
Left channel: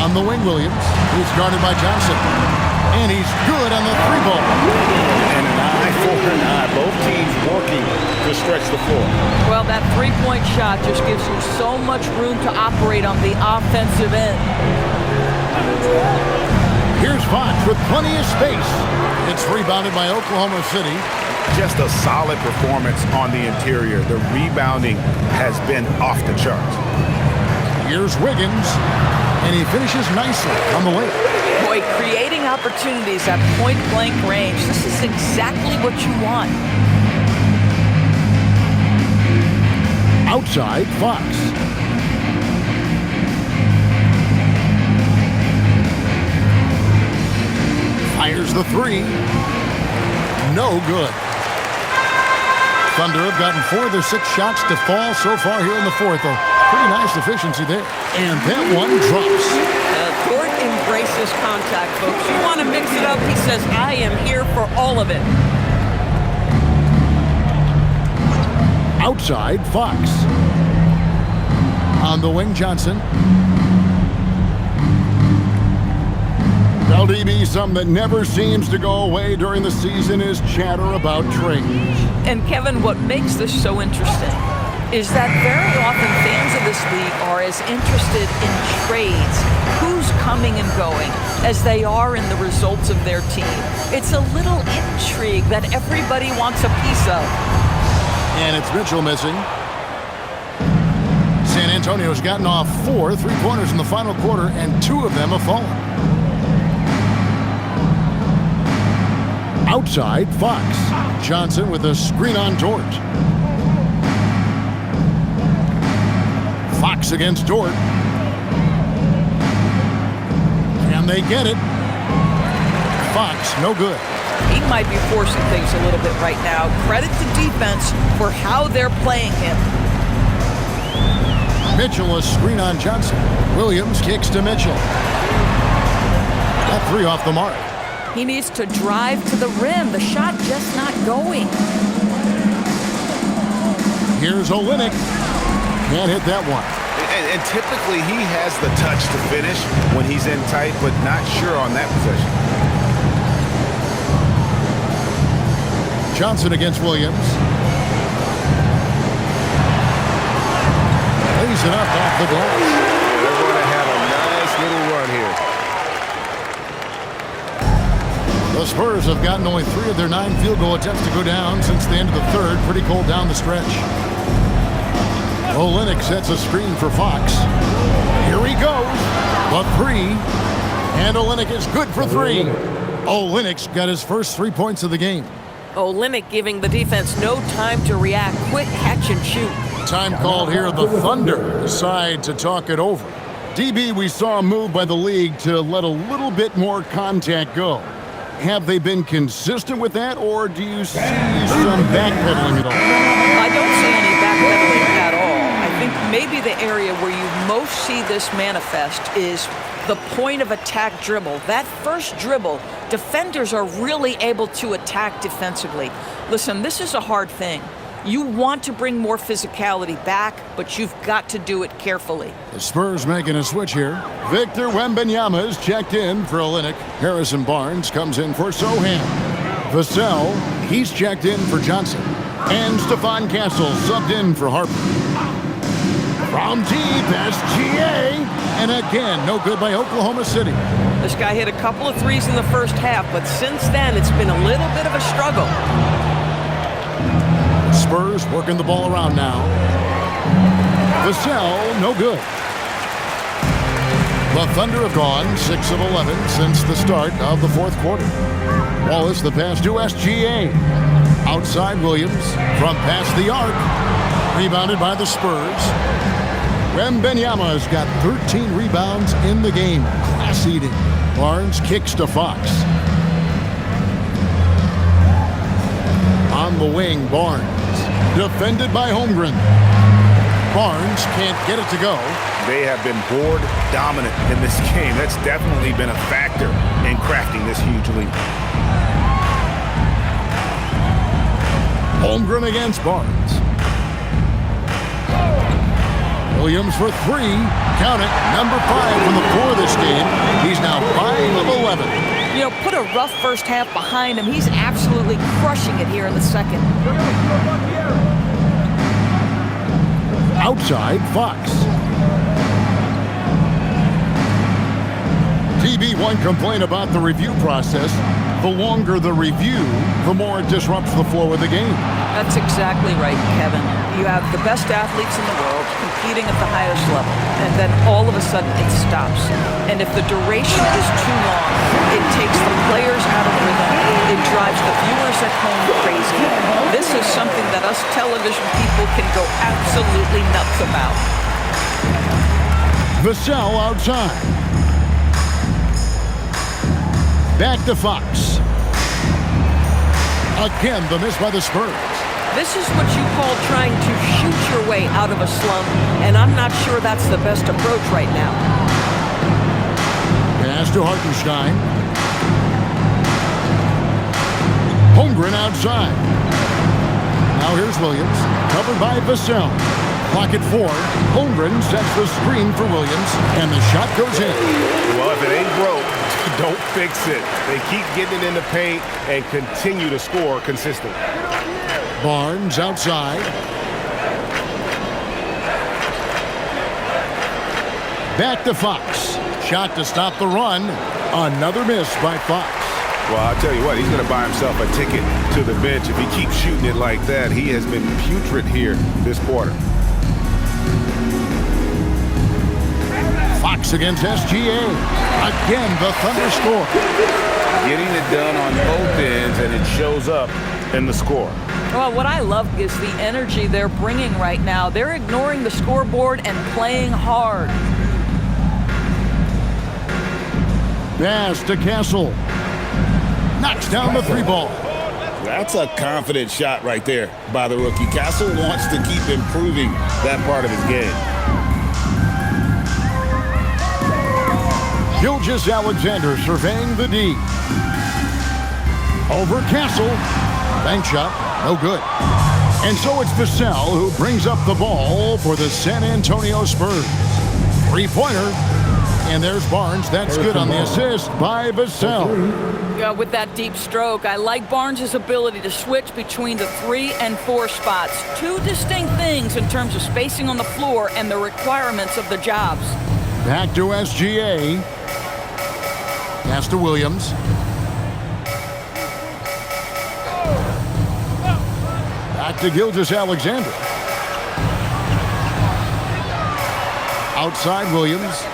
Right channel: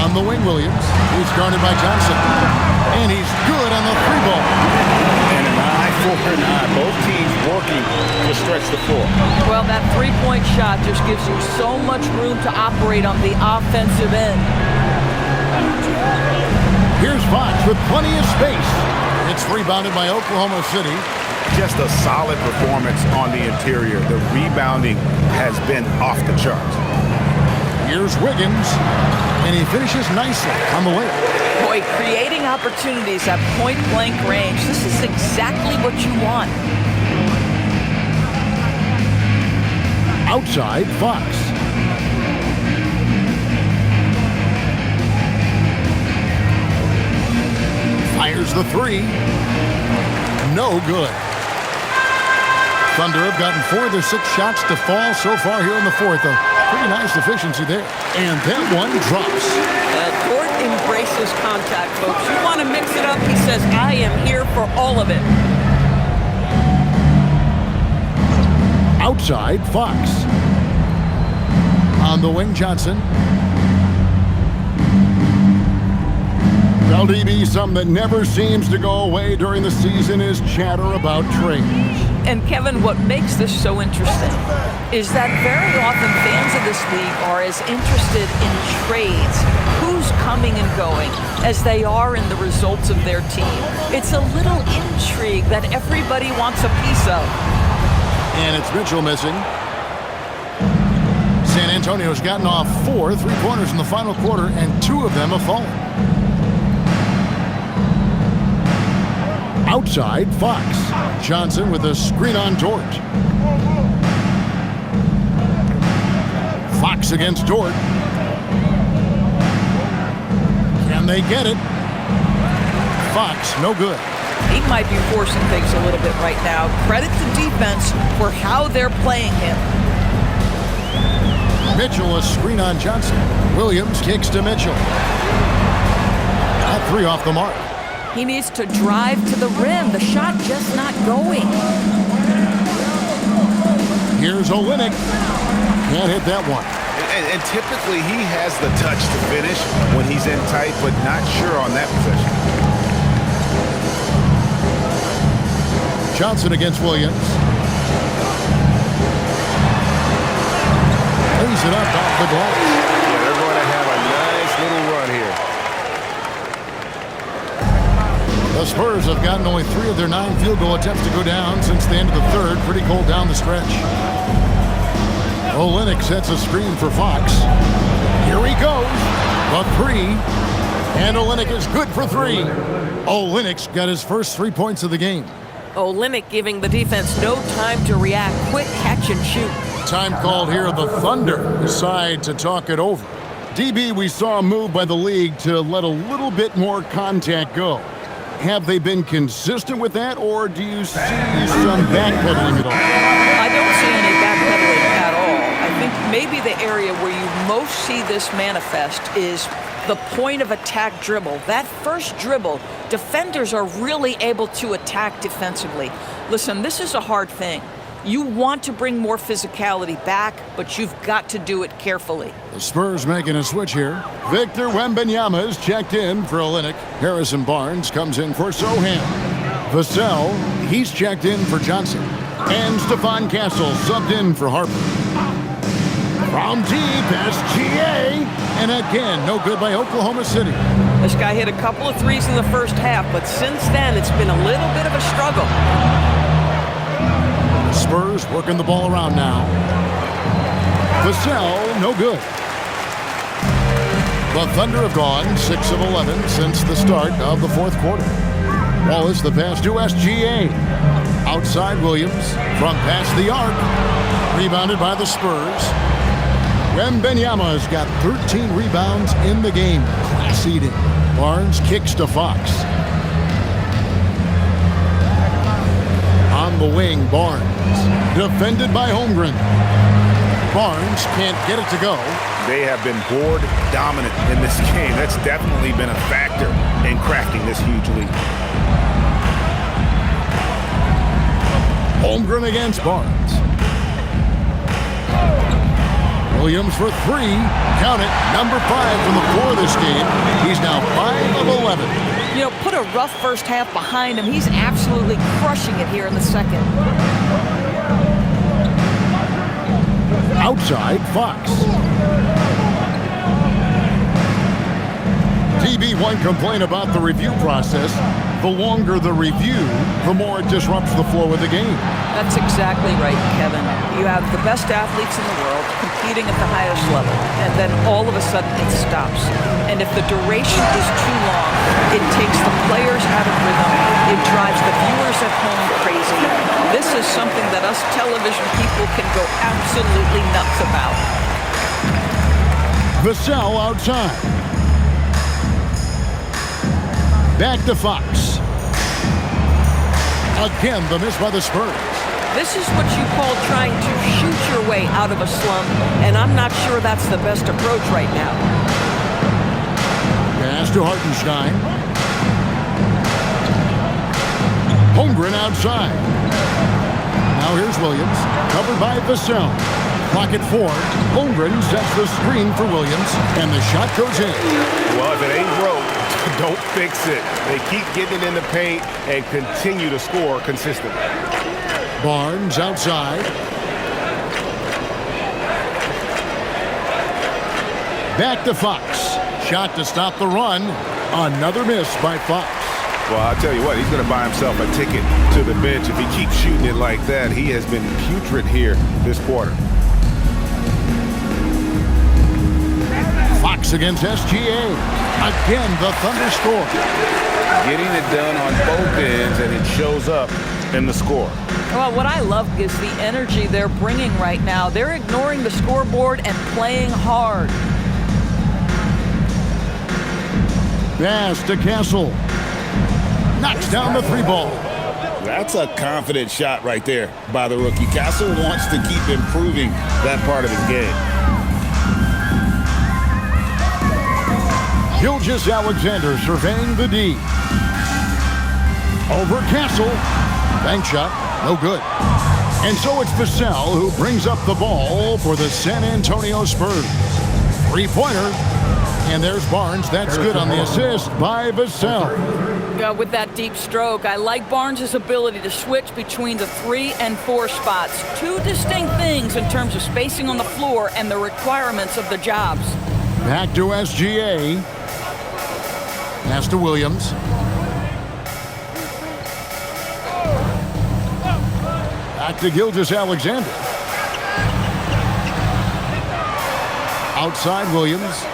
On the wing, Williams. He's guarded by Johnson. And he's good on the three ball. And an eye for an eye. Both teams working to stretch the floor. Well, that three-point shot just gives you so much room to operate on the offensive end. Here's Fox with plenty of space. It's rebounded by Oklahoma City. Just a solid performance on the interior. The rebounding has been off the charts. Here's Wiggins. And he finishes nicely on the layup. Boy, creating opportunities at point-blank range. This is exactly what you want. Outside, Fox. Fires the three. No good. Thunder have gotten 4 of their 6 shots to fall so far here in the fourth. A pretty nice efficiency there. And that one drops. Dort embraces contact, folks. You want to mix it up, he says, I am here for all of it. Outside, Fox. On the wing, Johnson. LDB, something that never seems to go away during the season is chatter about trades. And Kevin, what makes this so interesting is that very often fans of this league are as interested in trades, who's coming and going, as they are in the results of their team. It's a little intrigue that everybody wants a piece of. And it's Mitchell missing. San Antonio's gotten off 4 3-pointers in the final quarter, and 2 of them have fallen. Outside, Fox. Johnson with a screen on Dort. Fox against Dort. Can they get it? Fox, no good. He might be forcing things a little bit right now. Credit the defense for how they're playing him. Mitchell, a screen on Johnson. Williams kicks to Mitchell. That 3 off the mark. He needs to drive to the rim. The shot just not going. Here's Olynyk. Can't hit that one. And typically he has the touch to finish when he's in tight, but not sure on that possession. Johnson against Williams. Lays it up off the glass. Yeah, they're going to have a nice little run here. The Spurs have gotten only 3 of their 9 field goal attempts to go down since the end of the third. Pretty cold down the stretch. Olynyk sets a screen for Fox. Here he goes. The 3. And Olynyk is good for 3. Olynyk's got his first 3 points of the game. Olynyk giving the defense no time to react. Quick catch and shoot. Time called here. The Thunder decide to talk it over. DB, we saw a move by the league to let a little bit more contact go. Have they been consistent with that, or do you see some backpedaling at all? I don't see any backpedaling at all. I think maybe the area where you most see this manifest is the point of attack dribble. That first dribble, defenders are really able to attack defensively. Listen, this is a hard thing. You want to bring more physicality back, but you've got to do it carefully. The Spurs making a switch here. Victor Wembanyama is checked in for Olynyk. Harrison Barnes comes in for Sohan. Vassell, he's checked in for Johnson. And Stephon Castle subbed in for Harper. From deep, SGA. And again, no good by Oklahoma City. This guy hit a couple of threes in the first half, but since then it's been a little bit of a struggle. Spurs working the ball around now. Vassell, no good. The Thunder have gone 6 of 11 since the start of the fourth quarter. Wallace, the pass to SGA. Outside Williams from past the arc. Rebounded by the Spurs. Wembanyama has got 13 rebounds in the game. Class eating. Barnes kicks to Fox. On the wing, Barnes. Defended by Holmgren. Barnes can't get it to go. They have been board dominant in this game. That's definitely been a factor in crafting this huge lead. Holmgren against Barnes. Williams for 3. Count it. Number 5 for the 4 this game. He's now 5 of 11. You know, put a rough first half behind him. He's absolutely crushing it here in the second. Outside, Fox. TB1 complained about the review process. The longer the review, the more it disrupts the flow of the game. That's exactly right, Kevin. You have the best athletes in the world competing at the highest level, and then all of a sudden it stops. And if the duration is too long, it takes the players out of rhythm. It drives the viewers at home crazy. This is something that us television people can go absolutely nuts about. Vassell outside. Back to Fox. Again, the miss by the Spurs. This is what you call trying to shoot your way out of a slump, and I'm not sure that's the best approach right now. Pass to Hartenstein. Holmgren outside. Now here's Williams, covered by Vassell. Clock at 4. Holmgren sets the screen for Williams, and the shot goes in. Well, if it ain't broke, don't fix it. They keep getting it in the paint and continue to score consistently. Barnes outside. Back to Fox. Shot to stop the run. Another miss by Fox. Well, I'll tell you what, he's going to buy himself a ticket to the bench. If he keeps shooting it like that, he has been putrid here this quarter. Fox against SGA. Again, the Thunder score. Getting it done on both ends, and it shows up in the score. Well, what I love is the energy they're bringing right now. They're ignoring the scoreboard and playing hard. Pass to Castle. Knocks down the 3 ball. That's a confident shot right there by the rookie. Castle wants to keep improving that part of his game. Gilgeous-Alexander surveying the D. Over Castle. Bank shot, no good. And so it's Vassell who brings up the ball for the San Antonio Spurs. Three-pointer. And there's Barnes. That's good on the assist by Vassell. With that deep stroke, I like Barnes' ability to switch between the 3 and 4 spots. Two distinct things in terms of spacing on the floor and the requirements of the jobs. Back to SGA. Pass to Williams. Back to Gilgeous-Alexander. Outside Williams.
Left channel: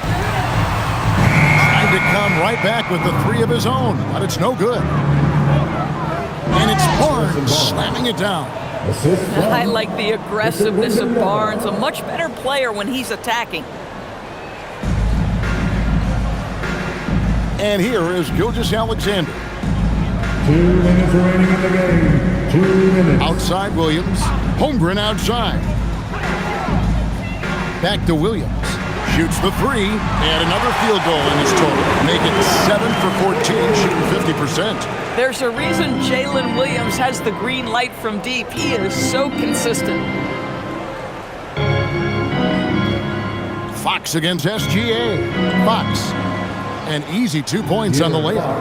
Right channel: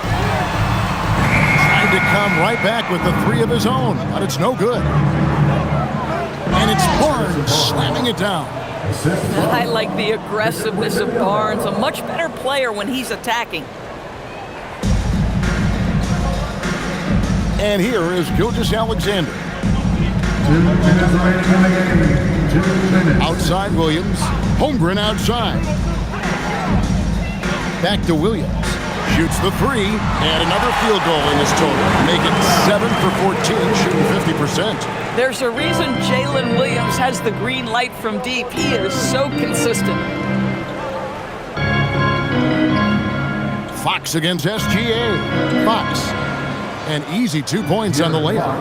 Trying to come right back with the 3 of his own, but it's no good. And it's Barnes slamming it down. I like the aggressiveness of Barnes, a much better player when he's attacking. And here is Gilgeous-Alexander. 2 minutes remaining in the game. 2 minutes. Outside Williams. Holmgren outside. Back to Williams. Shoots the 3, and another field goal in his total. Make it 7 for 14, shooting 50%. There's a reason Jalen Williams has the green light from deep. He is so consistent. Fox against SGA. Fox. An easy 2 points on the layup.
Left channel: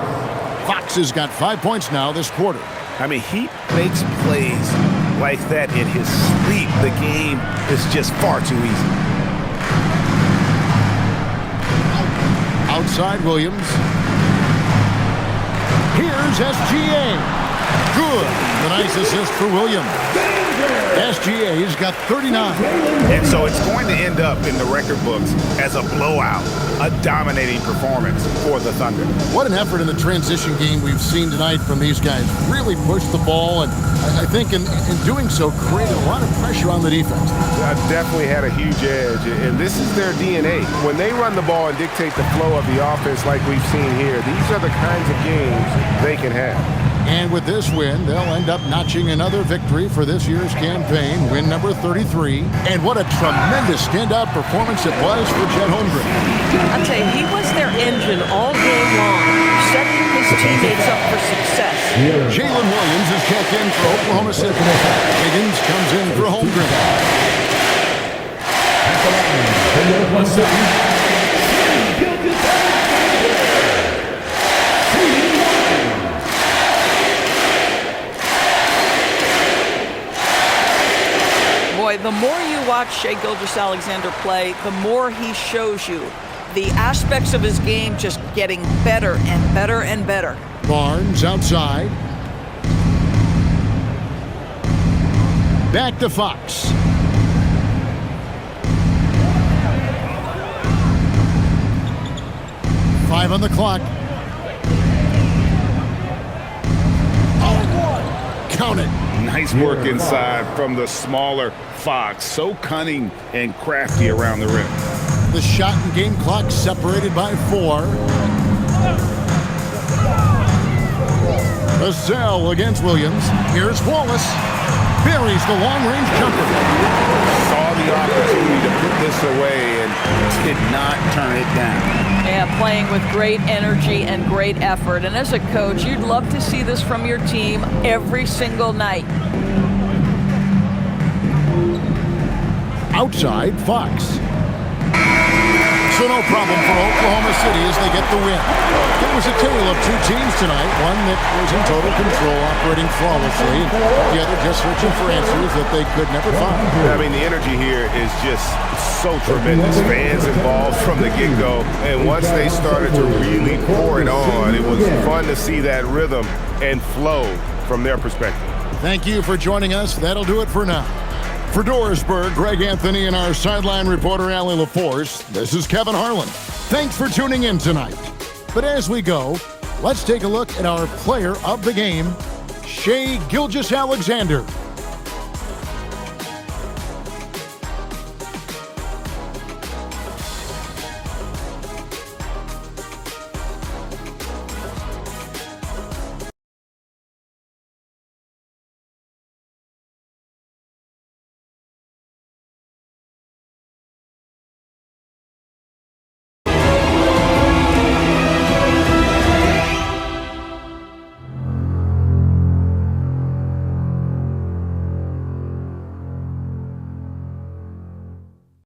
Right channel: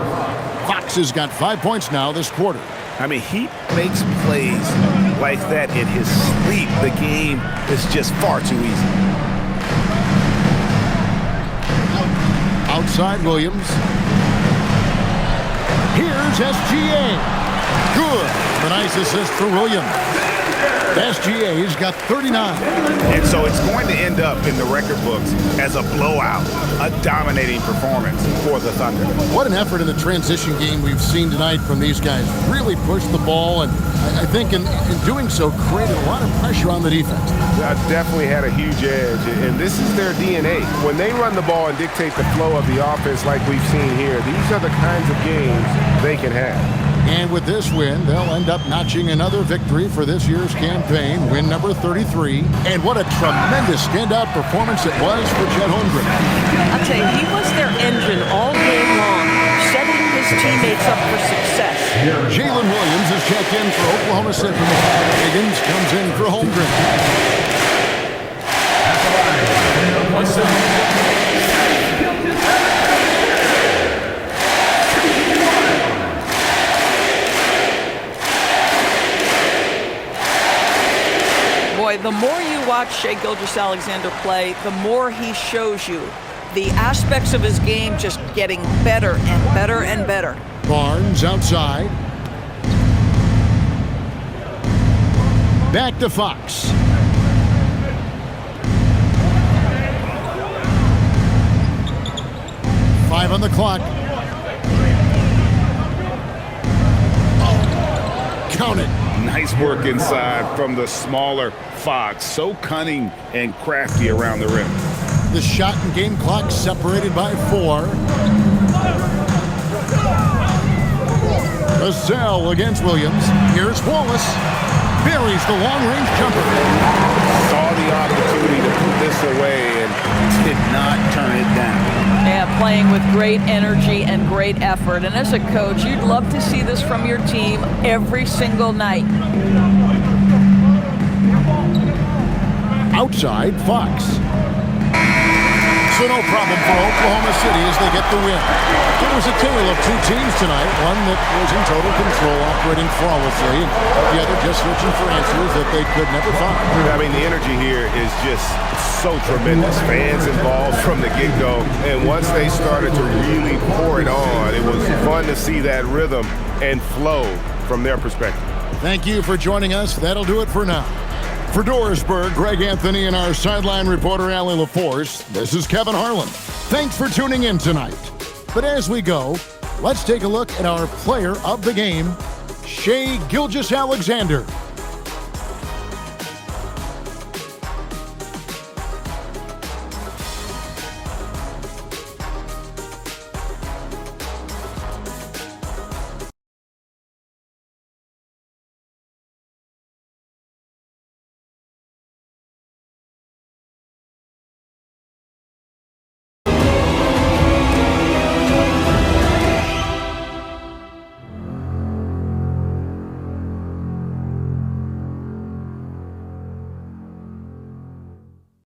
Fox has got 5 points now this quarter. I mean, he makes plays like that in his sleep. The game is just far too easy. Outside Williams. Here's SGA. Good. The nice assist for Williams. SGA's got 39. And so it's going to end up in the record books as a blowout, a dominating performance for the Thunder. What an effort in the transition game we've seen tonight from these guys. Really pushed the ball, and I think in doing so created a lot of pressure on the defense. Definitely had a huge edge, and this is their DNA. When they run the ball and dictate the flow of the offense like we've seen here, these are the kinds of games they can have. And with this win, they'll end up notching another victory for this year's campaign, win number 33. And what a tremendous standout performance it was for Chet Holmgren. I'll tell you, he was their engine all game long, setting his teammates up for success. Jalen Williams is checked in for Oklahoma City. Higgins comes in for Holmgren. Boy, the more you watch Shai Gilgeous-Alexander play, the more he shows you the aspects of his game just getting better and better and better. Barnes outside. Back to Fox. Five on the clock. Count it. Nice work inside from the smaller Fox. So cunning and crafty around the rim. The shot and game clock separated by 4. Vassell against Williams. Here's Wallace. Buries the long-range jumper. Saw the opportunity to put this away and did not turn it down. Yeah, playing with great energy and great effort. And as a coach, you'd love to see this from your team every single night. Outside, Fox. So no problem for Oklahoma City as they get the win. It was a tale of two teams tonight, one that was in total control, operating flawlessly, and the other just searching for answers that they could never find. I mean, the energy here is just so tremendous. Fans involved from the get-go, and once they started to really pour it on, it was fun to see that rhythm and flow from their perspective. Thank you for joining us. That'll do it for now. For Dorisburg, Greg Anthony, and our sideline reporter, Allie LaForce, this is Kevin Harlan. Thanks for tuning in tonight. But as we go, let's take a look at our player of the game, Shai Gilgeous-Alexander.